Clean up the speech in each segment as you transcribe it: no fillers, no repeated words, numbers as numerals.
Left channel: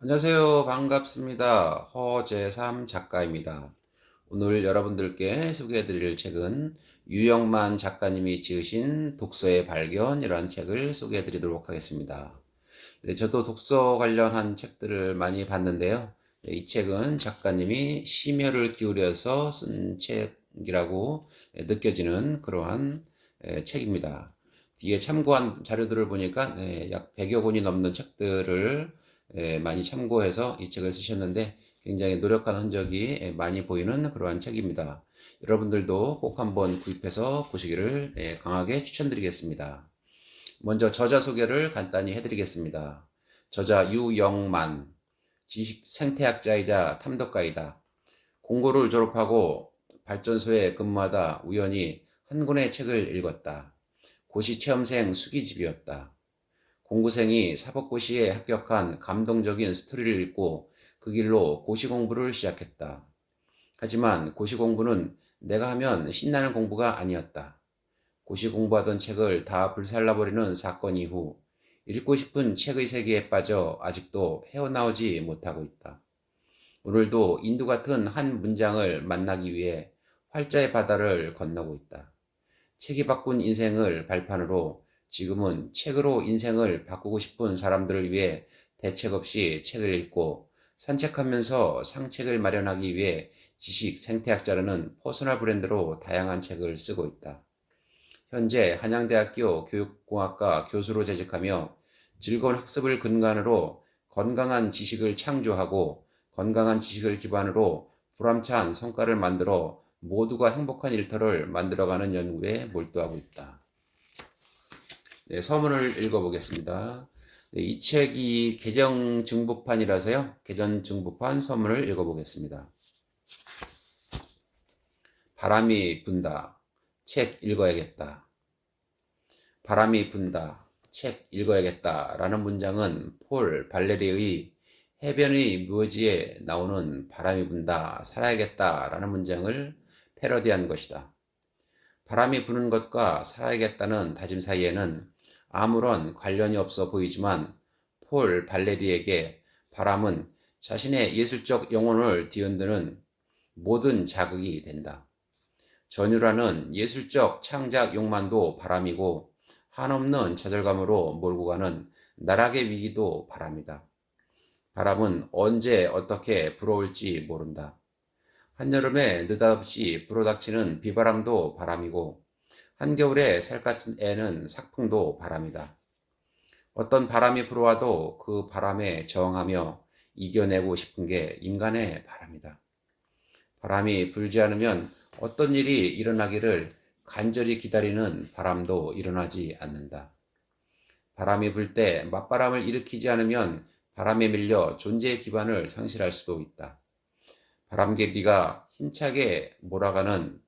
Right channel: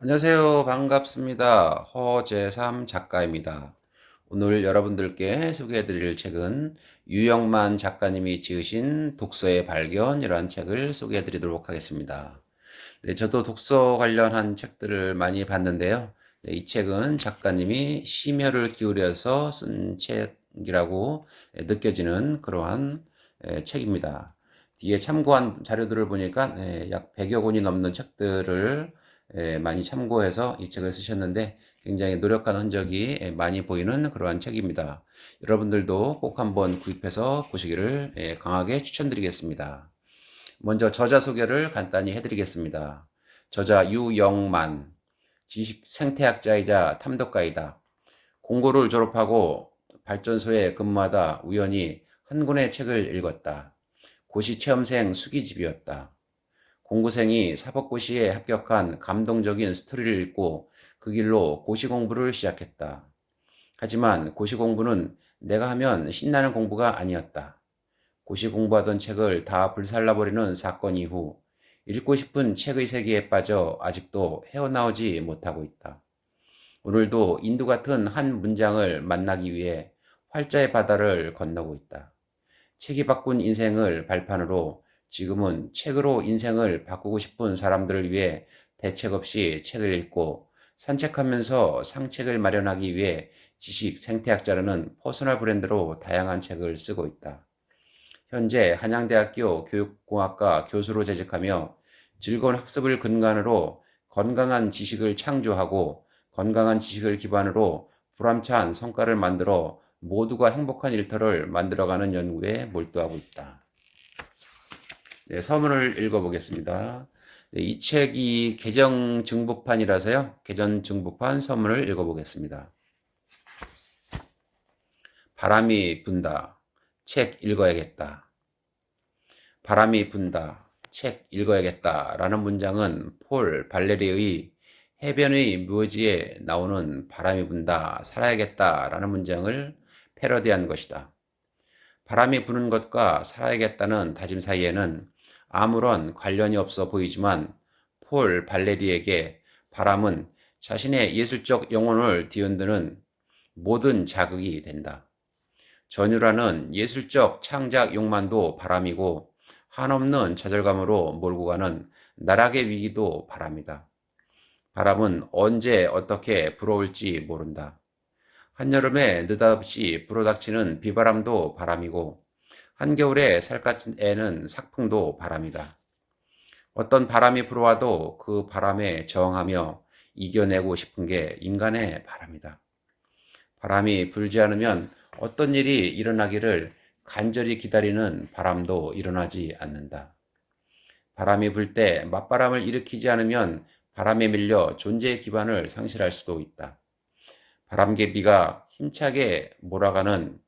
안녕하세요. 반갑습니다. 허재삼 작가입니다. 오늘 여러분들께 소개해드릴 책은 유영만 작가님이 지으신 독서의 발견이라는 책을 소개해드리도록 하겠습니다. 네, 저도 독서 관련한 책들을 많이 봤는데요. 네, 이 책은 작가님이 심혈을 기울여서 쓴 책이라고 느껴지는 그러한 책입니다. 뒤에 참고한 자료들을 보니까 약 100여 권이 넘는 책들을 많이 참고해서 이 책을 쓰셨는데 굉장히 노력한 흔적이 많이 보이는 그러한 책입니다. 여러분들도 꼭 한번 구입해서 보시기를 강하게 추천드리겠습니다. 먼저 저자 소개를 간단히 해드리겠습니다. 저자 유영만, 지식 생태학자이자 탐독가이다. 공고를 졸업하고 발전소에 근무하다 우연히 한 권의 책을 읽었다. 고시 체험생 수기집이었다. 공고생이 사법고시에 합격한 감동적인 스토리를 읽고 그 길로 고시 공부를 시작했다. 하지만 고시 공부는 내가 하면 신나는 공부가 아니었다. 고시 공부하던 책을 다 불살라버리는 사건 이후 읽고 싶은 책의 세계에 빠져 아직도 헤어나오지 못하고 있다. 오늘도 인두 같은 한 문장을 만나기 위해 활자의 바다를 건너고 있다. 책이 바꾼 인생을 발판으로 지금은 책으로 인생을 바꾸고 싶은 사람들을 위해 대책 없이 책을 읽고 산책하면서 상책을 마련하기 위해 지식 생태학자라는 퍼스널 브랜드로 다양한 책을 쓰고 있다. 현재 한양대학교 교육공학과 교수로 재직하며 즐거운 학습을 근간으로 건강한 지식을 창조하고 건강한 지식을 기반으로 보람찬 성과를 만들어 모두가 행복한 일터를 만들어가는 연구에 몰두하고 있다. 네, 서문을 읽어보겠습니다. 네, 이 책이 개정 증부판이라서요. 개정 증부판 서문을 읽어보겠습니다. 바람이 분다. 책 읽어야겠다. 바람이 분다. 책 읽어야겠다. 라는 문장은 폴 발레리의 해변의 묘지에 나오는 바람이 분다. 살아야겠다. 라는 문장을 패러디한 것이다. 바람이 부는 것과 살아야겠다는 다짐 사이에는 아무런 관련이 없어 보이지만 폴 발레리에게 바람은 자신의 예술적 영혼을 뒤흔드는 모든 자극이 된다. 전율하는 예술적 창작 욕망도 바람이고 한없는 좌절감으로 몰고 가는 나락의 위기도 바람이다. 바람은 언제 어떻게 불어올지 모른다. 한여름에 느닷없이 불어닥치는 비바람도 바람이고 한겨울에 살갗은 애는 삭풍도 바람이다. 어떤 바람이 불어와도 그 바람에 저항하며 이겨내고 싶은 게 인간의 바람이다. 바람이 불지 않으면 어떤 일이 일어나기를 간절히 기다리는 바람도 일어나지 않는다. 바람이 불 때 맞바람을 일으키지 않으면 바람에 밀려 존재의 기반을 상실할 수도 있다. 바람개비가 힘차게 몰아가는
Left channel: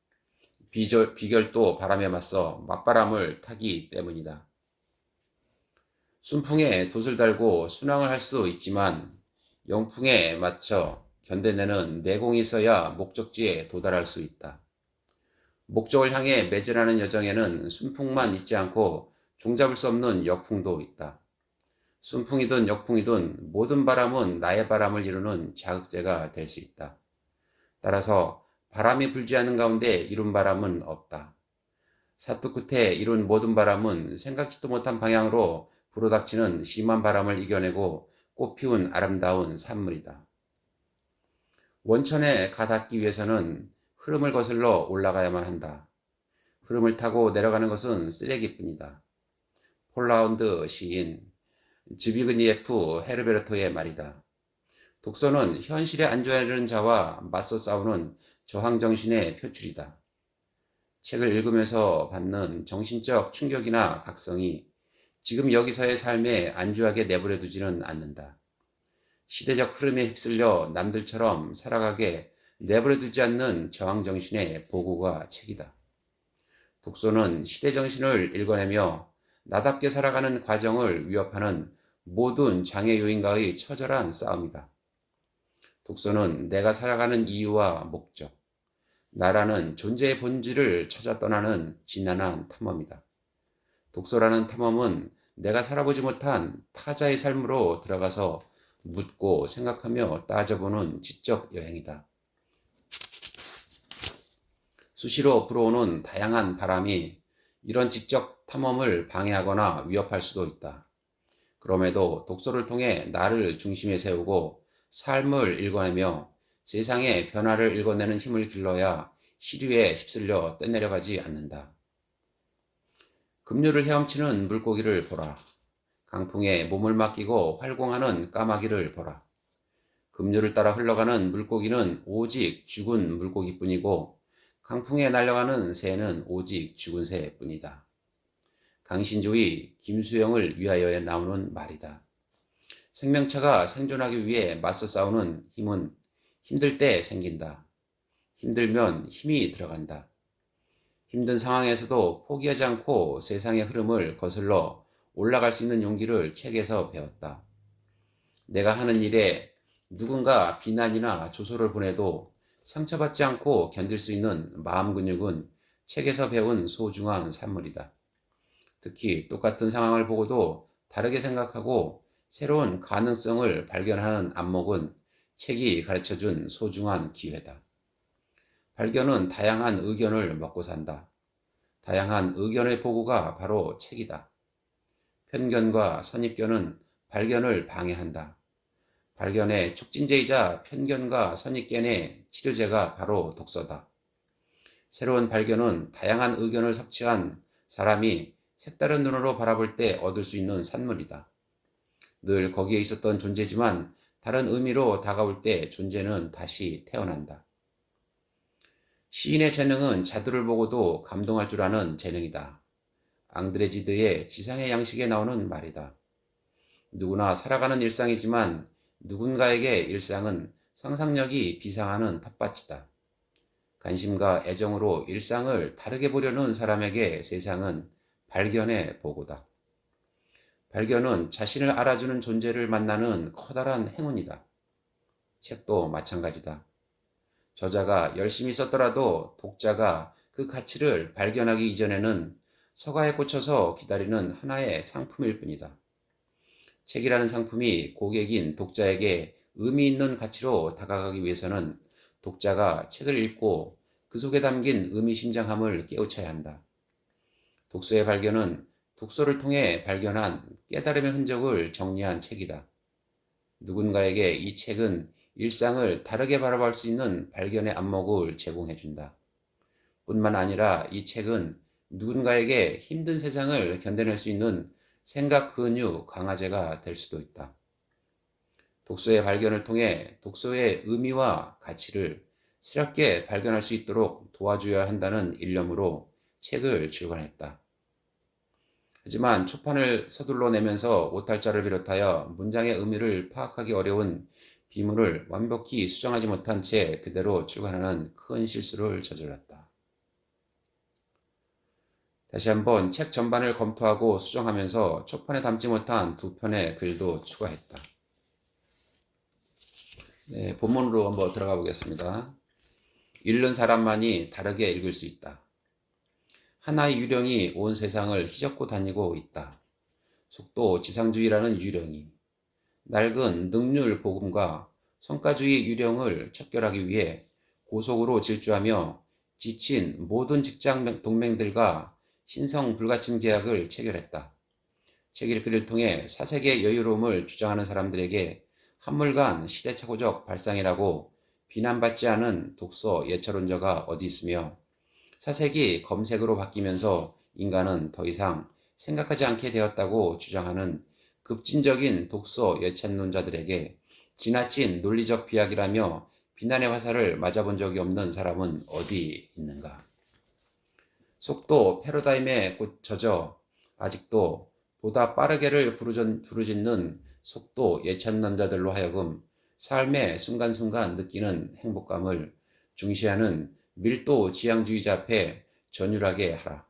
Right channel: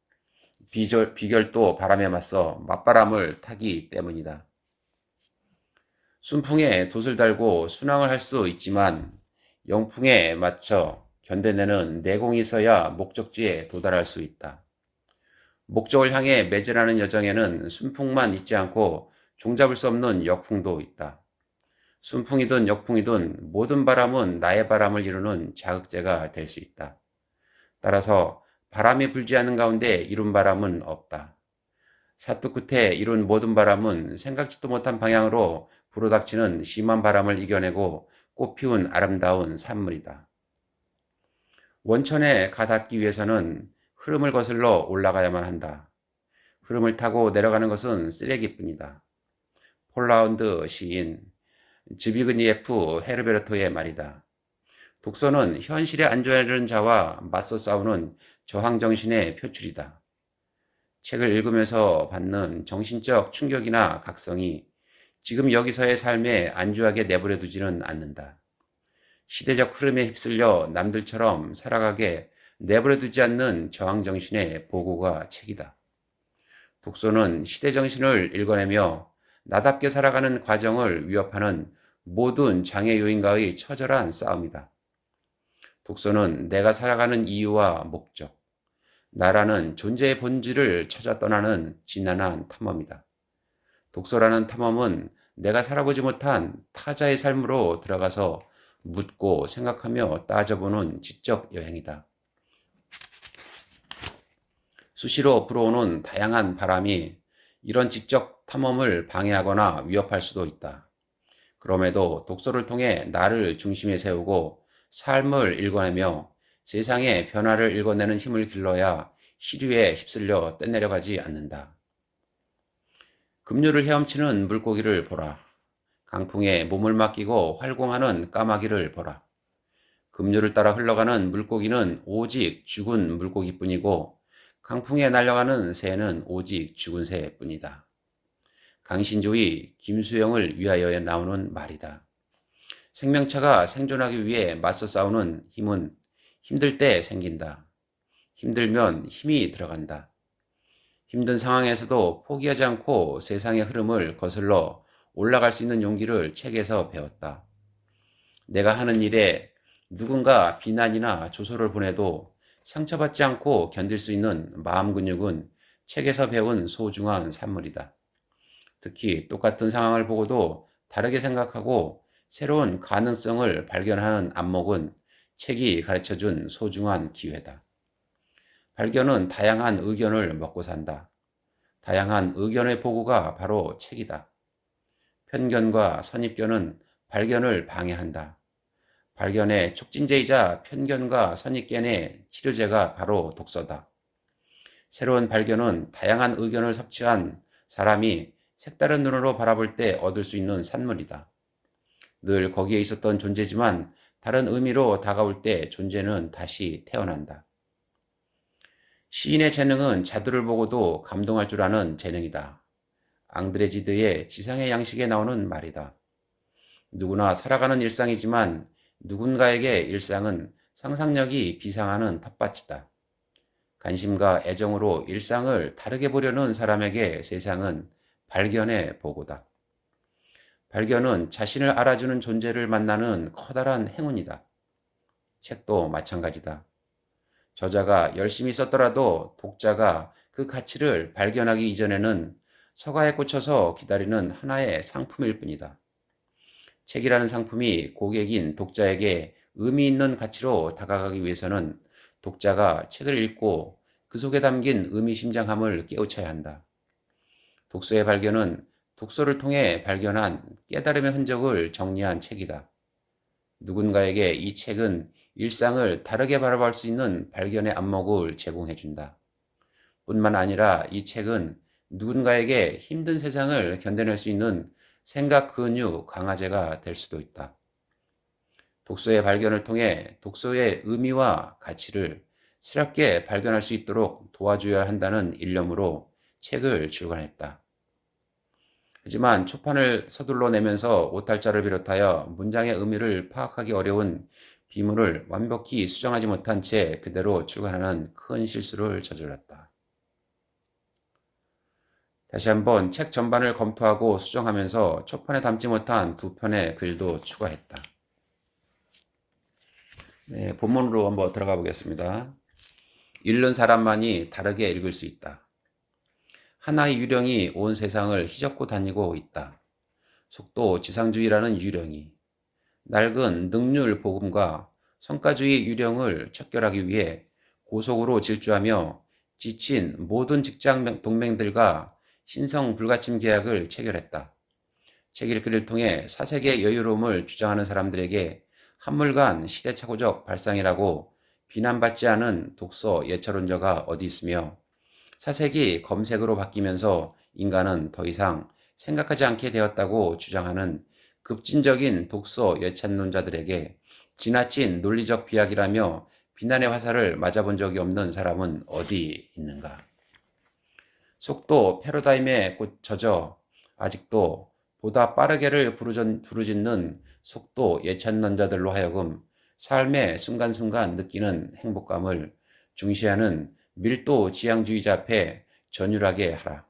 비결도 바람에 맞서 맞바람을 타기 때문이다. 순풍에 돛을 달고 순항을 할 수 있지만 영풍에 맞춰 견뎌내는 내공이 있어야 목적지에 도달할 수 있다. 목적을 향해 매진하는 여정에는 순풍만 있지 않고 종잡을 수 없는 역풍도 있다. 순풍이든 역풍이든 모든 바람은 나의 바람을 이루는 자극제가 될 수 있다. 따라서 바람이 불지 않는 가운데 이룬 바람은 없다. 사투 끝에 이룬 모든 바람은 생각지도 못한 방향으로 불어닥치는 심한 바람을 이겨내고 꽃피운 아름다운 산물이다. 원천에 가닿기 위해서는 흐름을 거슬러 올라가야만 한다. 흐름을 타고 내려가는 것은 쓰레기뿐이다. 폴라운드 시인 즈비그니에프 헤르베르토의 말이다. 독서는 현실에 안주하려는 자와 맞서 싸우는 저항정신의 표출이다. 책을 읽으면서 받는 정신적 충격이나 각성이 지금 여기서의 삶에 안주하게 내버려 두지는 않는다. 시대적 흐름에 휩쓸려 남들처럼 살아가게 내버려 두지 않는 저항정신의 보고가 책이다. 독서는 시대정신을 읽어내며 나답게 살아가는 과정을 위협하는 모든 장애 요인과의 처절한 싸움이다. 독서는 내가 살아가는 이유와 목적, 나라는 존재의 본질을 찾아 떠나는 진난한 탐험이다. 독서라는 탐험은 내가 살아보지 못한 타자의 삶으로 들어가서 묻고 생각하며 따져보는 지적 여행이다. 수시로 불어오는 다양한 바람이 이런 지적 탐험을 방해하거나 위협할 수도 있다. 그럼에도 독서를 통해 나를 중심에 세우고 삶을 읽어내며 세상의 변화를 읽어내는 힘을 길러야 시류에 휩쓸려 떼내려가지 않는다. 급류를 헤엄치는 물고기를 보라. 강풍에 몸을 맡기고 활공하는 까마귀를 보라. 급류를 따라 흘러가는 물고기는 오직 죽은 물고기뿐이고 강풍에 날아가는 새는 오직 죽은 새뿐이다. 강신조의 김수영을 위하여에 나오는 말이다. 생명체가 생존하기 위해 맞서 싸우는 힘은 힘들 때 생긴다. 힘들면 힘이 들어간다. 힘든 상황에서도 포기하지 않고 세상의 흐름을 거슬러 올라갈 수 있는 용기를 책에서 배웠다. 내가 하는 일에 누군가 비난이나 조소를 보내도 상처받지 않고 견딜 수 있는 마음 근육은 책에서 배운 소중한 산물이다. 특히 똑같은 상황을 보고도 다르게 생각하고 새로운 가능성을 발견하는 안목은 책이 가르쳐준 소중한 기회다. 발견은 다양한 의견을 먹고 산다. 다양한 의견의 보고가 바로 책이다. 편견과 선입견은 발견을 방해한다. 발견의 촉진제이자 편견과 선입견의 치료제가 바로 독서다. 새로운 발견은 다양한 의견을 섭취한 사람이 색다른 눈으로 바라볼 때 얻을 수 있는 산물이다. 늘 거기에 있었던 존재지만 다른 의미로 다가올 때 존재는 다시 태어난다. 시인의 재능은 자두를 보고도 감동할 줄 아는 재능이다. 앙드레지드의 지상의 양식에 나오는 말이다. 누구나 살아가는 일상이지만 누군가에게 일상은 상상력이 비상하는 텃밭이다. 관심과 애정으로 일상을 다르게 보려는 사람에게 세상은 발견의 보고다. 발견은 자신을 알아주는 존재를 만나는 커다란 행운이다. 책도 마찬가지다. 저자가 열심히 썼더라도 독자가 그 가치를 발견하기 이전에는 서가에 꽂혀서 기다리는 하나의 상품일 뿐이다. 책이라는 상품이 고객인 독자에게 의미 있는 가치로 다가가기 위해서는 독자가 책을 읽고 그 속에 담긴 의미심장함을 깨우쳐야 한다. 독서의 발견은 독서를 통해 발견한 깨달음의 흔적을 정리한 책이다. 누군가에게 이 책은 일상을 다르게 바라볼 수 있는 발견의 안목을 제공해준다. 뿐만 아니라 이 책은 누군가에게 힘든 세상을 견뎌낼 수 있는 생각 근육 강화제가 될 수도 있다. 독서의 발견을 통해 독서의 의미와 가치를 새롭게 발견할 수 있도록 도와줘야 한다는 일념으로 책을 출간했다. 하지만 초판을 서둘러 내면서 오탈자를 비롯하여 문장의 의미를 파악하기 어려운 비문을 완벽히 수정하지 못한 채 그대로 출간하는 큰 실수를 저질렀다. 다시 한번 책 전반을 검토하고 수정하면서 초판에 담지 못한 2편의 글도 추가했다. 네, 본문으로 한번 들어가 보겠습니다. 읽는 사람만이 다르게 읽을 수 있다. 하나의 유령이 온 세상을 휘젓고 다니고 있다. 속도 지상주의라는 유령이 낡은 능률 복음과 성과주의 유령을 척결하기 위해 고속으로 질주하며 지친 모든 직장 동맹들과 신성 불가침 계약을 체결했다. 책 읽기를 통해 사색의 여유로움을 주장하는 사람들에게 한물간 시대착오적 발상이라고 비난받지 않은 독서 예찰론자가 어디 있으며 사색이 검색으로 바뀌면서 인간은 더 이상 생각하지 않게 되었다고 주장하는 급진적인 독서 예찬론자들에게 지나친 논리적 비약이라며 비난의 화살을 맞아본 적이 없는 사람은 어디 있는가? 속도 패러다임에 젖어 아직도 보다 빠르게를 부르짖는 속도 예찬론자들로 하여금 삶의 순간순간 느끼는 행복감을 중시하는 밀도 지향주의자 앞에 전율하게 하라.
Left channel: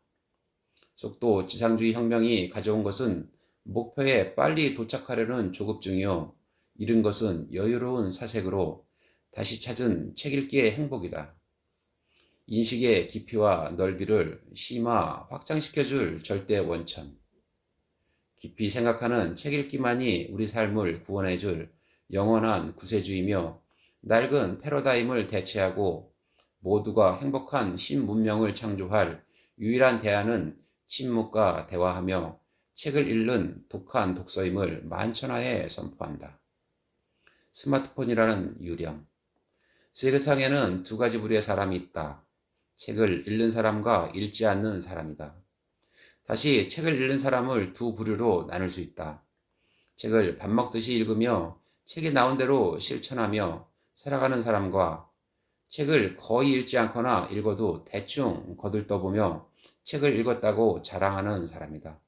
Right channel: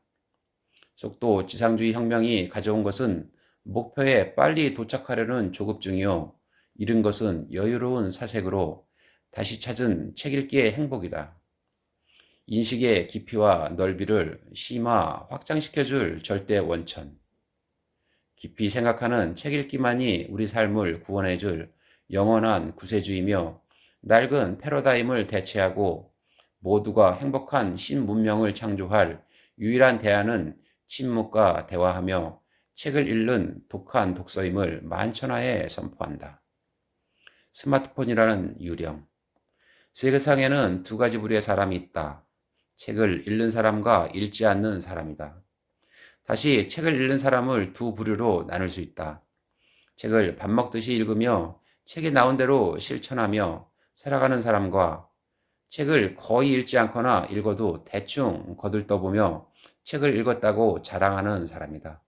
속도 지상주의 혁명이 가져온 것은 목표에 빨리 도착하려는 조급증이요. 잃은 것은 여유로운 사색으로 다시 찾은 책 읽기의 행복이다. 인식의 깊이와 넓이를 심화, 확장시켜줄 절대 원천. 깊이 생각하는 책 읽기만이 우리 삶을 구원해줄 영원한 구세주이며 낡은 패러다임을 대체하고 모두가 행복한 신문명을 창조할 유일한 대안은 침묵과 대화하며 책을 읽는 독한 독서임을 만천하에 선포한다. 스마트폰이라는 유령. 세상에는 두 가지 부류의 사람이 있다. 책을 읽는 사람과 읽지 않는 사람이다. 다시 책을 읽는 사람을 두 부류로 나눌 수 있다. 책을 밥 먹듯이 읽으며 책이 나온 대로 실천하며 살아가는 사람과 책을 거의 읽지 않거나 읽어도 대충 거들떠보며 책을 읽었다고 자랑하는 사람이다.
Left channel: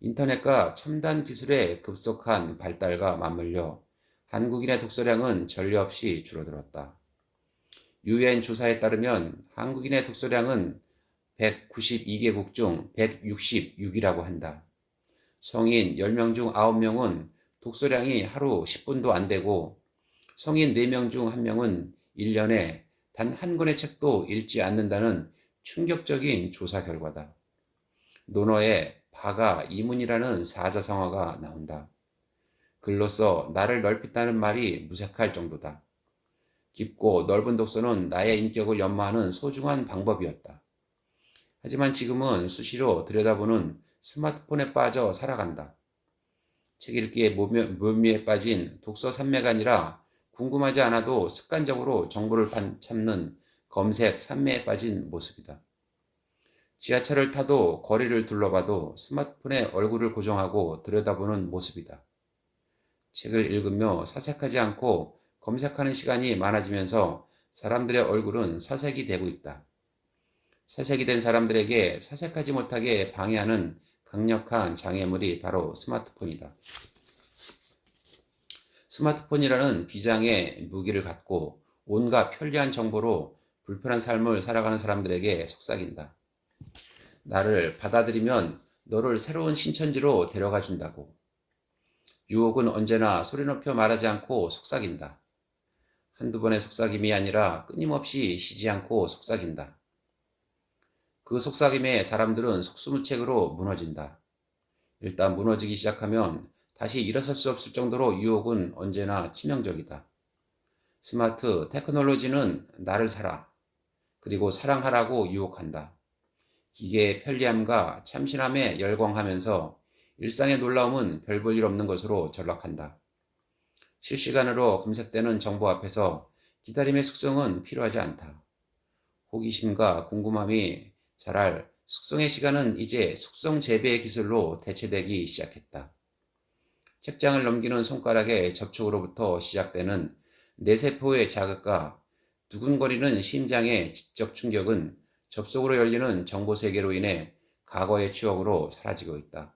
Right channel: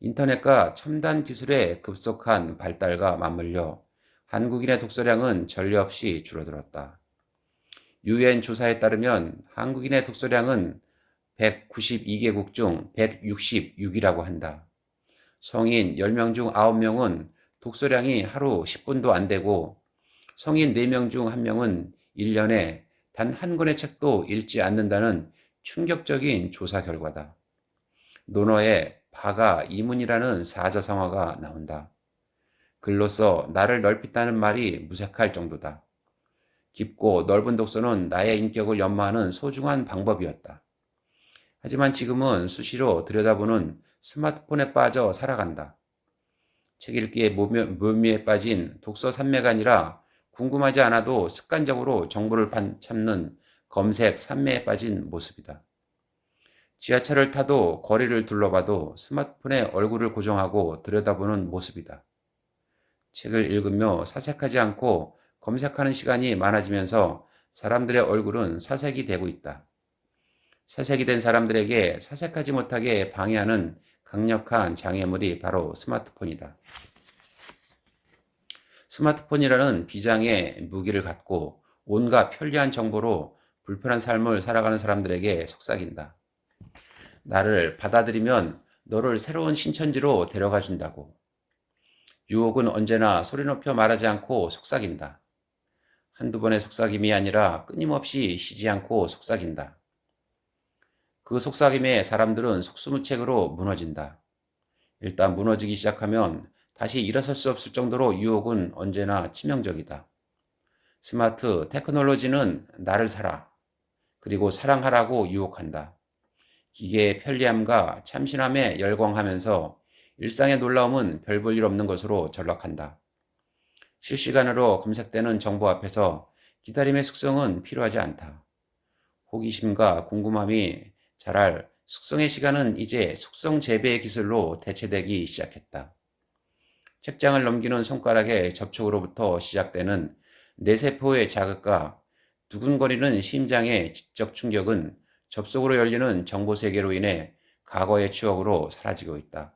인터넷과 첨단 기술의 급속한 발달과 맞물려 한국인의 독서량은 전례 없이 줄어들었다. UN 조사에 따르면 한국인의 독서량은 192개국 중 166이라고 한다. 성인 10명 중 9명은 독서량이 하루 10분도 안 되고 성인 4명 중 1명은 1년에 단 한 권의 책도 읽지 않는다는 충격적인 조사 결과다. 논어에 바가 이문이라는 사자성어가 나온다. 글로써 나를 넓힌다는 말이 무색할 정도다. 깊고 넓은 독서는 나의 인격을 연마하는 소중한 방법이었다. 하지만 지금은 수시로 들여다보는 스마트폰에 빠져 살아간다. 책 읽기의 묘미에 빠진 독서 산매가 아니라 궁금하지 않아도 습관적으로 정보를 찾는 검색 산매에 빠진 모습이다. 지하철을 타도 거리를 둘러봐도 스마트폰에 얼굴을 고정하고 들여다보는 모습이다. 책을 읽으며 사색하지 않고 검색하는 시간이 많아지면서 사람들의 얼굴은 사색이 되고 있다. 사색이 된 사람들에게 사색하지 못하게 방해하는 강력한 장애물이 바로 스마트폰이다. 스마트폰이라는 비장의 무기를 갖고 온갖 편리한 정보로 불편한 삶을 살아가는 사람들에게 속삭인다. 나를 받아들이면 너를 새로운 신천지로 데려가 준다고. 유혹은 언제나 소리 높여 말하지 않고 속삭인다. 한두 번의 속삭임이 아니라 끊임없이 쉬지 않고 속삭인다. 그 속삭임에 사람들은 속수무책으로 무너진다. 일단 무너지기 시작하면 다시 일어설 수 없을 정도로 유혹은 언제나 치명적이다. 스마트 테크놀로지는 나를 사라, 그리고 사랑하라고 유혹한다. 기계의 편리함과 참신함에 열광하면서 일상의 놀라움은 별 볼 일 없는 것으로 전락한다. 실시간으로 검색되는 정보 앞에서 기다림의 숙성은 필요하지 않다. 호기심과 궁금함이 자랄 숙성의 시간은 이제 숙성 재배의 기술로 대체되기 시작했다. 책장을 넘기는 손가락의 접촉으로부터 시작되는 뇌세포의 자극과 두근거리는 심장의 지적 충격은 접속으로 열리는 정보 세계로 인해 과거의 추억으로 사라지고 있다.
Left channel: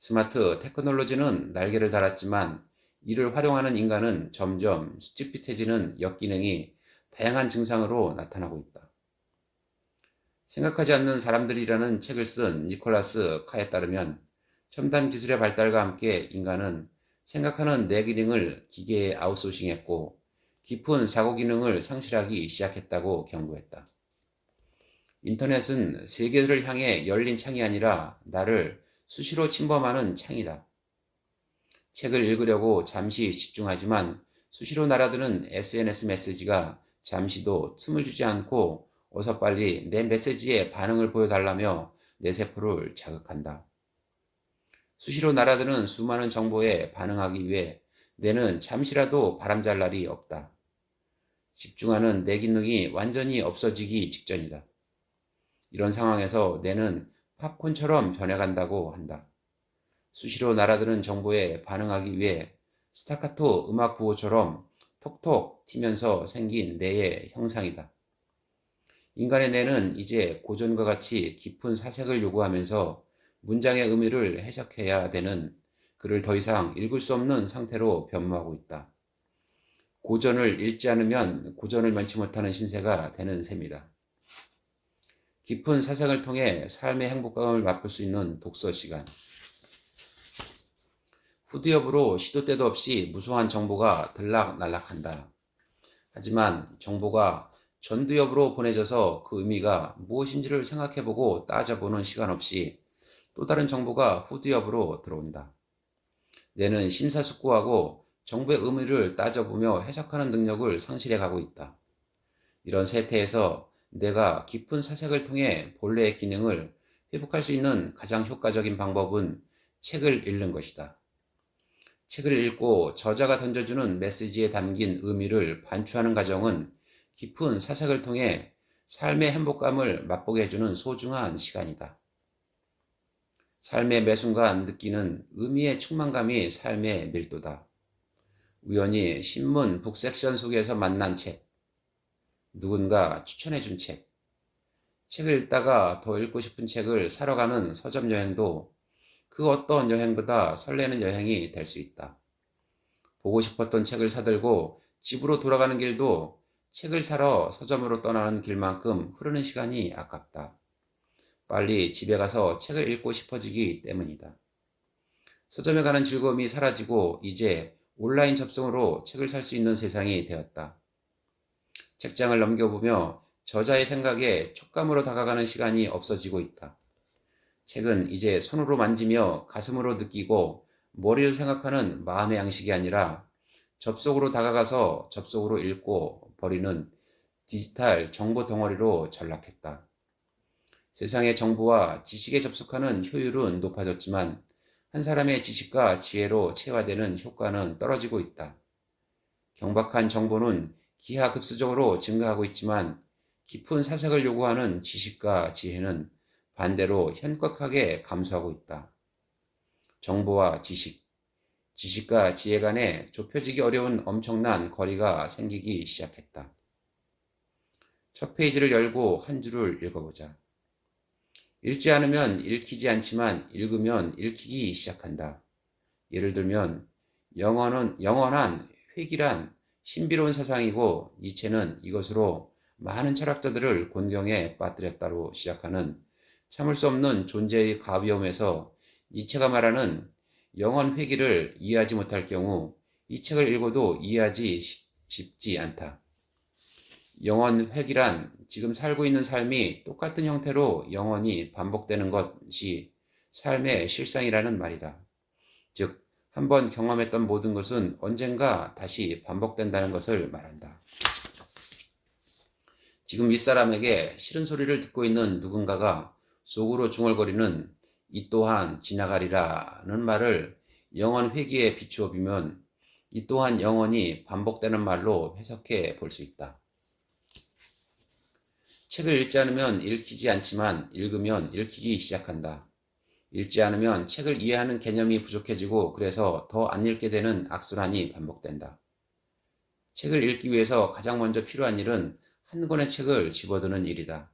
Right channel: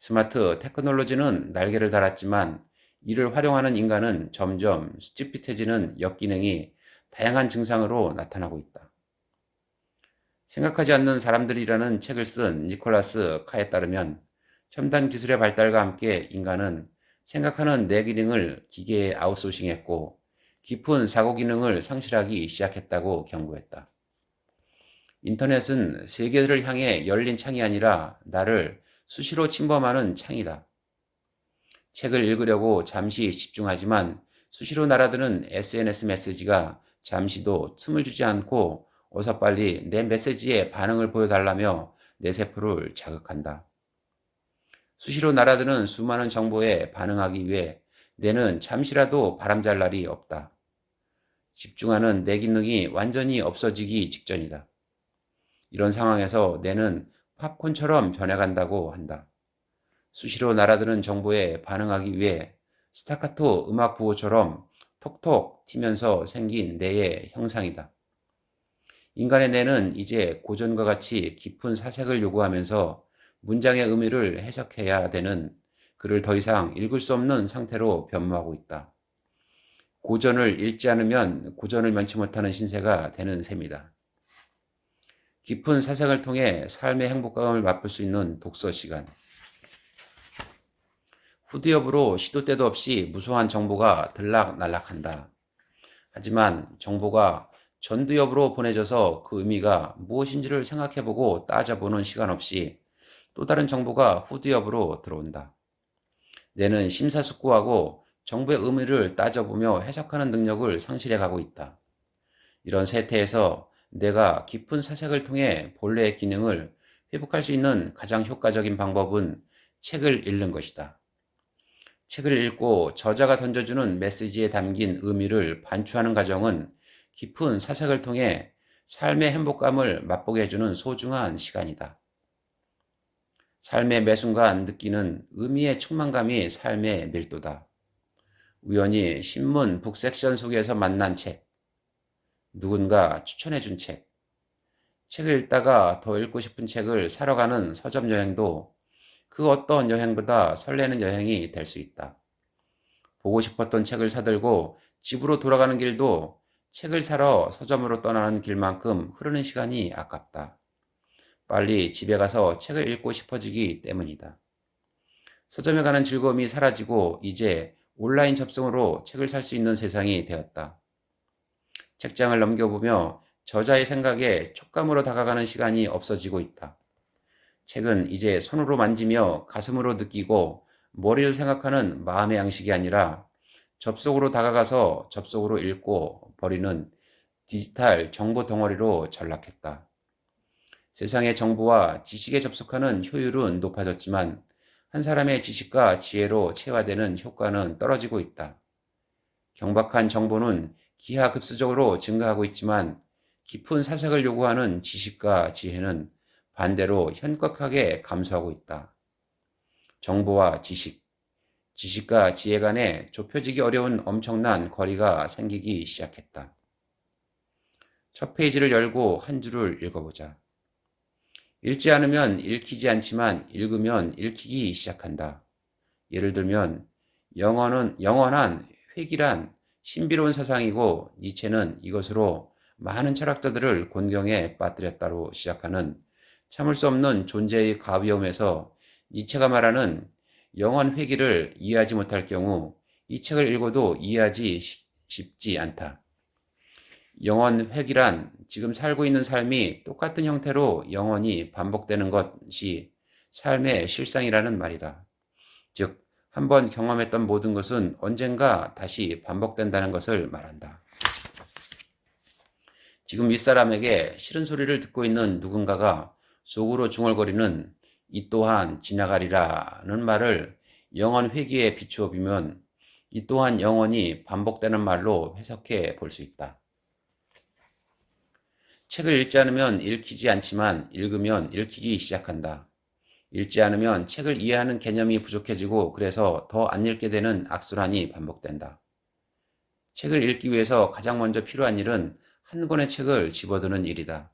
스마트 테크놀로지는 날개를 달았지만 이를 활용하는 인간은 점점 수치핏해지는 역기능이 다양한 증상으로 나타나고 있다. 생각하지 않는 사람들이라는 책을 쓴 니콜라스 카에 따르면 첨단 기술의 발달과 함께 인간은 생각하는 뇌 기능을 기계에 아웃소싱했고 깊은 사고 기능을 상실하기 시작했다고 경고했다. 인터넷은 세계를 향해 열린 창이 아니라 나를 수시로 침범하는 창이다. 책을 읽으려고 잠시 집중하지만 수시로 날아드는 SNS 메시지가 잠시도 틈을 주지 않고 어서 빨리 내 메시지에 반응을 보여달라며 내 세포를 자극한다. 수시로 날아드는 수많은 정보에 반응하기 위해 뇌는 잠시라도 바람잘 날이 없다. 집중하는 내 기능이 완전히 없어지기 직전이다. 이런 상황에서 뇌는 팝콘처럼 변해간다고 한다. 수시로 날아드는 정보에 반응하기 위해 스타카토 음악 부호처럼 톡톡 튀면서 생긴 뇌의 형상이다. 인간의 뇌는 이제 고전과 같이 깊은 사색을 요구하면서 문장의 의미를 해석해야 되는 글을 더 이상 읽을 수 없는 상태로 변모하고 있다. 고전을 읽지 않으면 고전을 면치 못하는 신세가 되는 셈이다. 깊은 사색을 통해 삶의 행복감을 맛볼 수 있는 독서 시간. 후드엽으로 시도 때도 없이 무수한 정보가 들락날락한다. 하지만 정보가 전두엽으로 보내져서 그 의미가 무엇인지를 생각해보고 따져보는 시간 없이 또 다른 정보가 후드엽으로 들어온다. 뇌는 심사숙고하고 정보의 의미를 따져보며 해석하는 능력을 상실해 가고 있다. 이런 세태에서 내가 깊은 사색을 통해 본래의 기능을 회복할 수 있는 가장 효과적인 방법은 책을 읽는 것이다. 책을 읽고 저자가 던져주는 메시지에 담긴 의미를 반추하는 과정은 깊은 사색을 통해 삶의 행복감을 맛보게 해주는 소중한 시간이다. 삶의 매 순간 느끼는 의미의 충만감이 삶의 밀도다. 우연히 신문 북섹션 속에서 만난 책, 누군가 추천해준 책, 책을 읽다가 더 읽고 싶은 책을 사러 가는 서점 여행도 그 어떤 여행보다 설레는 여행이 될 수 있다. 보고 싶었던 책을 사들고 집으로 돌아가는 길도 책을 사러 서점으로 떠나는 길만큼 흐르는 시간이 아깝다. 빨리 집에 가서 책을 읽고 싶어지기 때문이다. 서점에 가는 즐거움이 사라지고 이제 온라인 접속으로 책을 살 수 있는 세상이 되었다. 책장을 넘겨보며 저자의 생각에 촉감으로 다가가는 시간이 없어지고 있다. 책은 이제 손으로 만지며 가슴으로 느끼고 머리로 생각하는 마음의 양식이 아니라 접속으로 다가가서 접속으로 읽고 버리는 디지털 정보 덩어리로 전락했다. 세상의 정보와 지식에 접속하는 효율은 높아졌지만 한 사람의 지식과 지혜로 체화되는 효과는 떨어지고 있다. 경박한 정보는 기하급수적으로 증가하고 있지만 깊은 사색을 요구하는 지식과 지혜는 반대로 현격하게 감소하고 있다. 정보와 지식, 지식과 지혜 간에 좁혀지기 어려운 엄청난 거리가 생기기 시작했다. 첫 페이지를 열고 한 줄을 읽어보자. 읽지 않으면 읽히지 않지만 읽으면 읽히기 시작한다. 예를 들면 영원한 회귀란 신비로운 사상이고 니체는 이것으로 많은 철학자들을 곤경에 빠뜨렸다로 시작하는 참을 수 없는 존재의 가벼움에서 니체가 말하는 영원 회귀를 이해하지 못할 경우 이 책을 읽어도 이해하기 쉽지 않다. 영원 회귀란 지금 살고 있는 삶이 똑같은 형태로 영원히 반복되는 것이 삶의 실상이라는 말이다. 즉, 한번 경험했던 모든 것은 언젠가 다시 반복된다는 것을 말한다. 지금 윗사람에게 싫은 소리를 듣고 있는 누군가가 속으로 중얼거리는 이 또한 지나가리라는 말을 영원 회귀에 비추어 보면 이 또한 영원히 반복되는 말로 해석해 볼 수 있다. 책을 읽지 않으면 읽히지 않지만 읽으면 읽히기 시작한다. 읽지 않으면 책을 이해하는 개념이 부족해지고 그래서 더 안 읽게 되는 악순환이 반복된다. 책을 읽기 위해서 가장 먼저 필요한 일은 한 권의 책을 집어드는 일이다.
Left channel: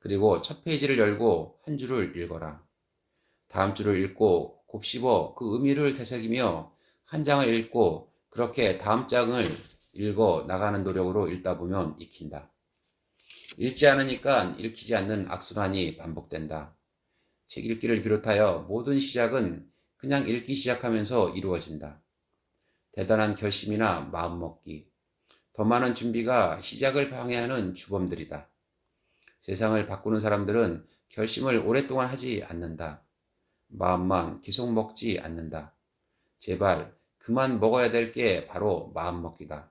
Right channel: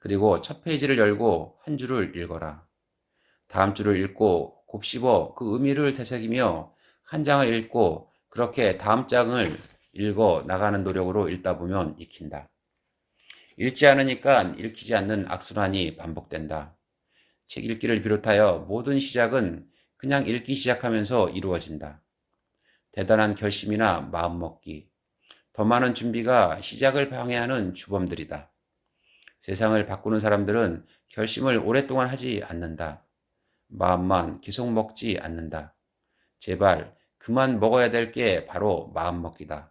그리고 첫 페이지를 열고 한 줄을 읽어라. 다음 줄을 읽고 곱씹어 그 의미를 되새기며 한 장을 읽고 그렇게 다음 장을 읽어 나가는 노력으로 읽다 보면 익힌다. 읽지 않으니까 읽히지 않는 악순환이 반복된다. 책 읽기를 비롯하여 모든 시작은 그냥 읽기 시작하면서 이루어진다. 대단한 결심이나 마음먹기, 더 많은 준비가 시작을 방해하는 주범들이다. 세상을 바꾸는 사람들은 결심을 오랫동안 하지 않는다. 마음만 계속 먹지 않는다. 제발 그만 먹어야 될 게 바로 마음먹기다.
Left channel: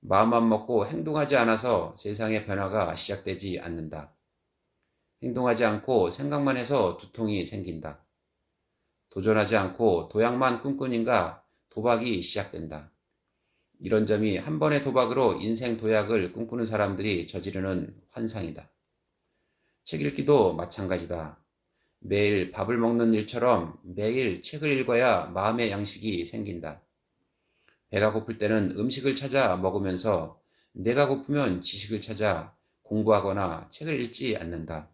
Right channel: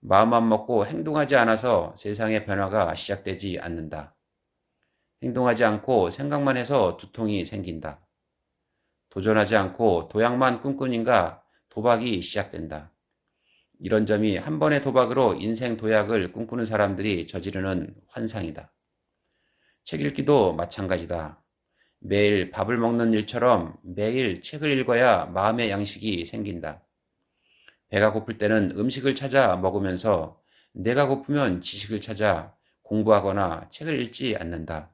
마음만 먹고 행동하지 않아서 세상의 변화가 시작되지 않는다. 행동하지 않고 생각만 해서 두통이 생긴다. 도전하지 않고 도약만 꿈꾸니까 도박이 시작된다. 이런 점이 한 번의 도박으로 인생 도약을 꿈꾸는 사람들이 저지르는 환상이다. 책 읽기도 마찬가지다. 매일 밥을 먹는 일처럼 매일 책을 읽어야 마음의 양식이 생긴다. 배가 고플 때는 음식을 찾아 먹으면서 내가 고프면 지식을 찾아 공부하거나 책을 읽지 않는다.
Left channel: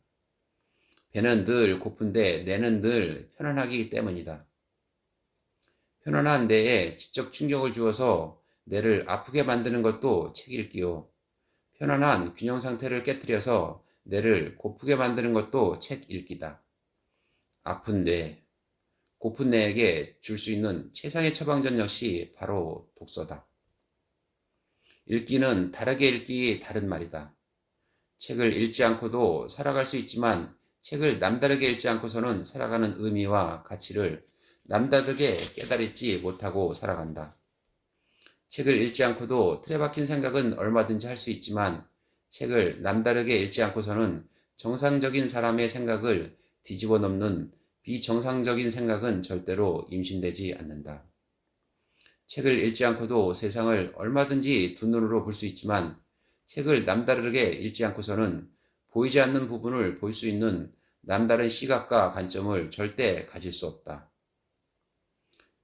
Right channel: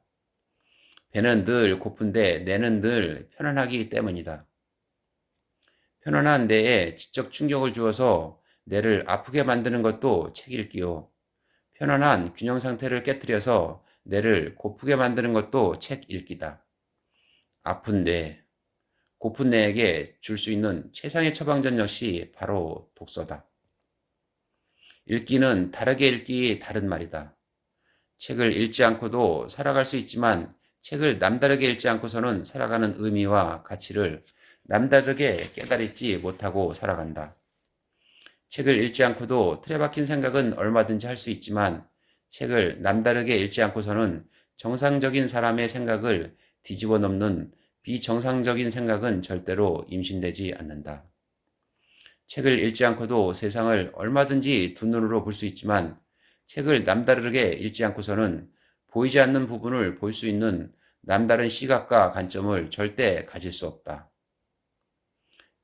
배는 늘 고픈데 뇌는 늘 편안하기 때문이다. 편안한 뇌에 지적 충격을 주어서 뇌를 아프게 만드는 것도 책 읽기요. 편안한 균형 상태를 깨뜨려서 뇌를 고프게 만드는 것도 책 읽기다. 아픈 뇌, 고픈 뇌에게 줄 수 있는 최상의 처방전 역시 바로 독서다. 읽기는 다르게 읽기 다른 말이다. 책을 읽지 않고도 살아갈 수 있지만 책을 남다르게 읽지 않고서는 살아가는 의미와 가치를 남다르게 깨달지 못하고 살아간다. 책을 읽지 않고도 틀에 박힌 생각은 얼마든지 할 수 있지만 책을 남다르게 읽지 않고서는 정상적인 사람의 생각을 뒤집어 넘는 비정상적인 생각은 절대로 임신되지 않는다. 책을 읽지 않고도 세상을 얼마든지 두 눈으로 볼 수 있지만 책을 남다르게 읽지 않고서는 보이지 않는 부분을 볼 수 있는 남다른 시각과 관점을 절대 가질 수 없다.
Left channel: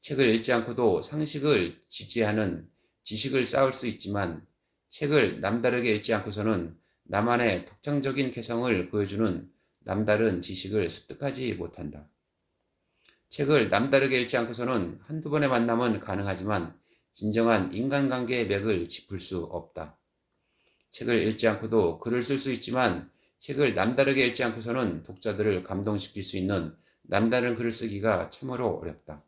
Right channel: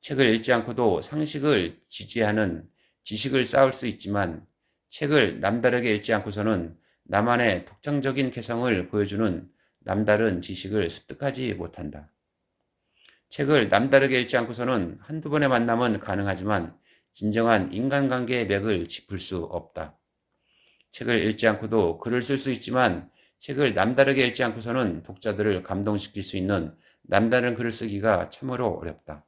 책을 읽지 않고도 상식을 지지하는 지식을 쌓을 수 있지만 책을 남다르게 읽지 않고서는 나만의 독창적인 개성을 보여주는 남다른 지식을 습득하지 못한다. 책을 남다르게 읽지 않고서는 한두 번의 만남은 가능하지만 진정한 인간관계의 맥을 짚을 수 없다. 책을 읽지 않고도 글을 쓸 수 있지만 책을 남다르게 읽지 않고서는 독자들을 감동시킬 수 있는 남다른 글을 쓰기가 참으로 어렵다.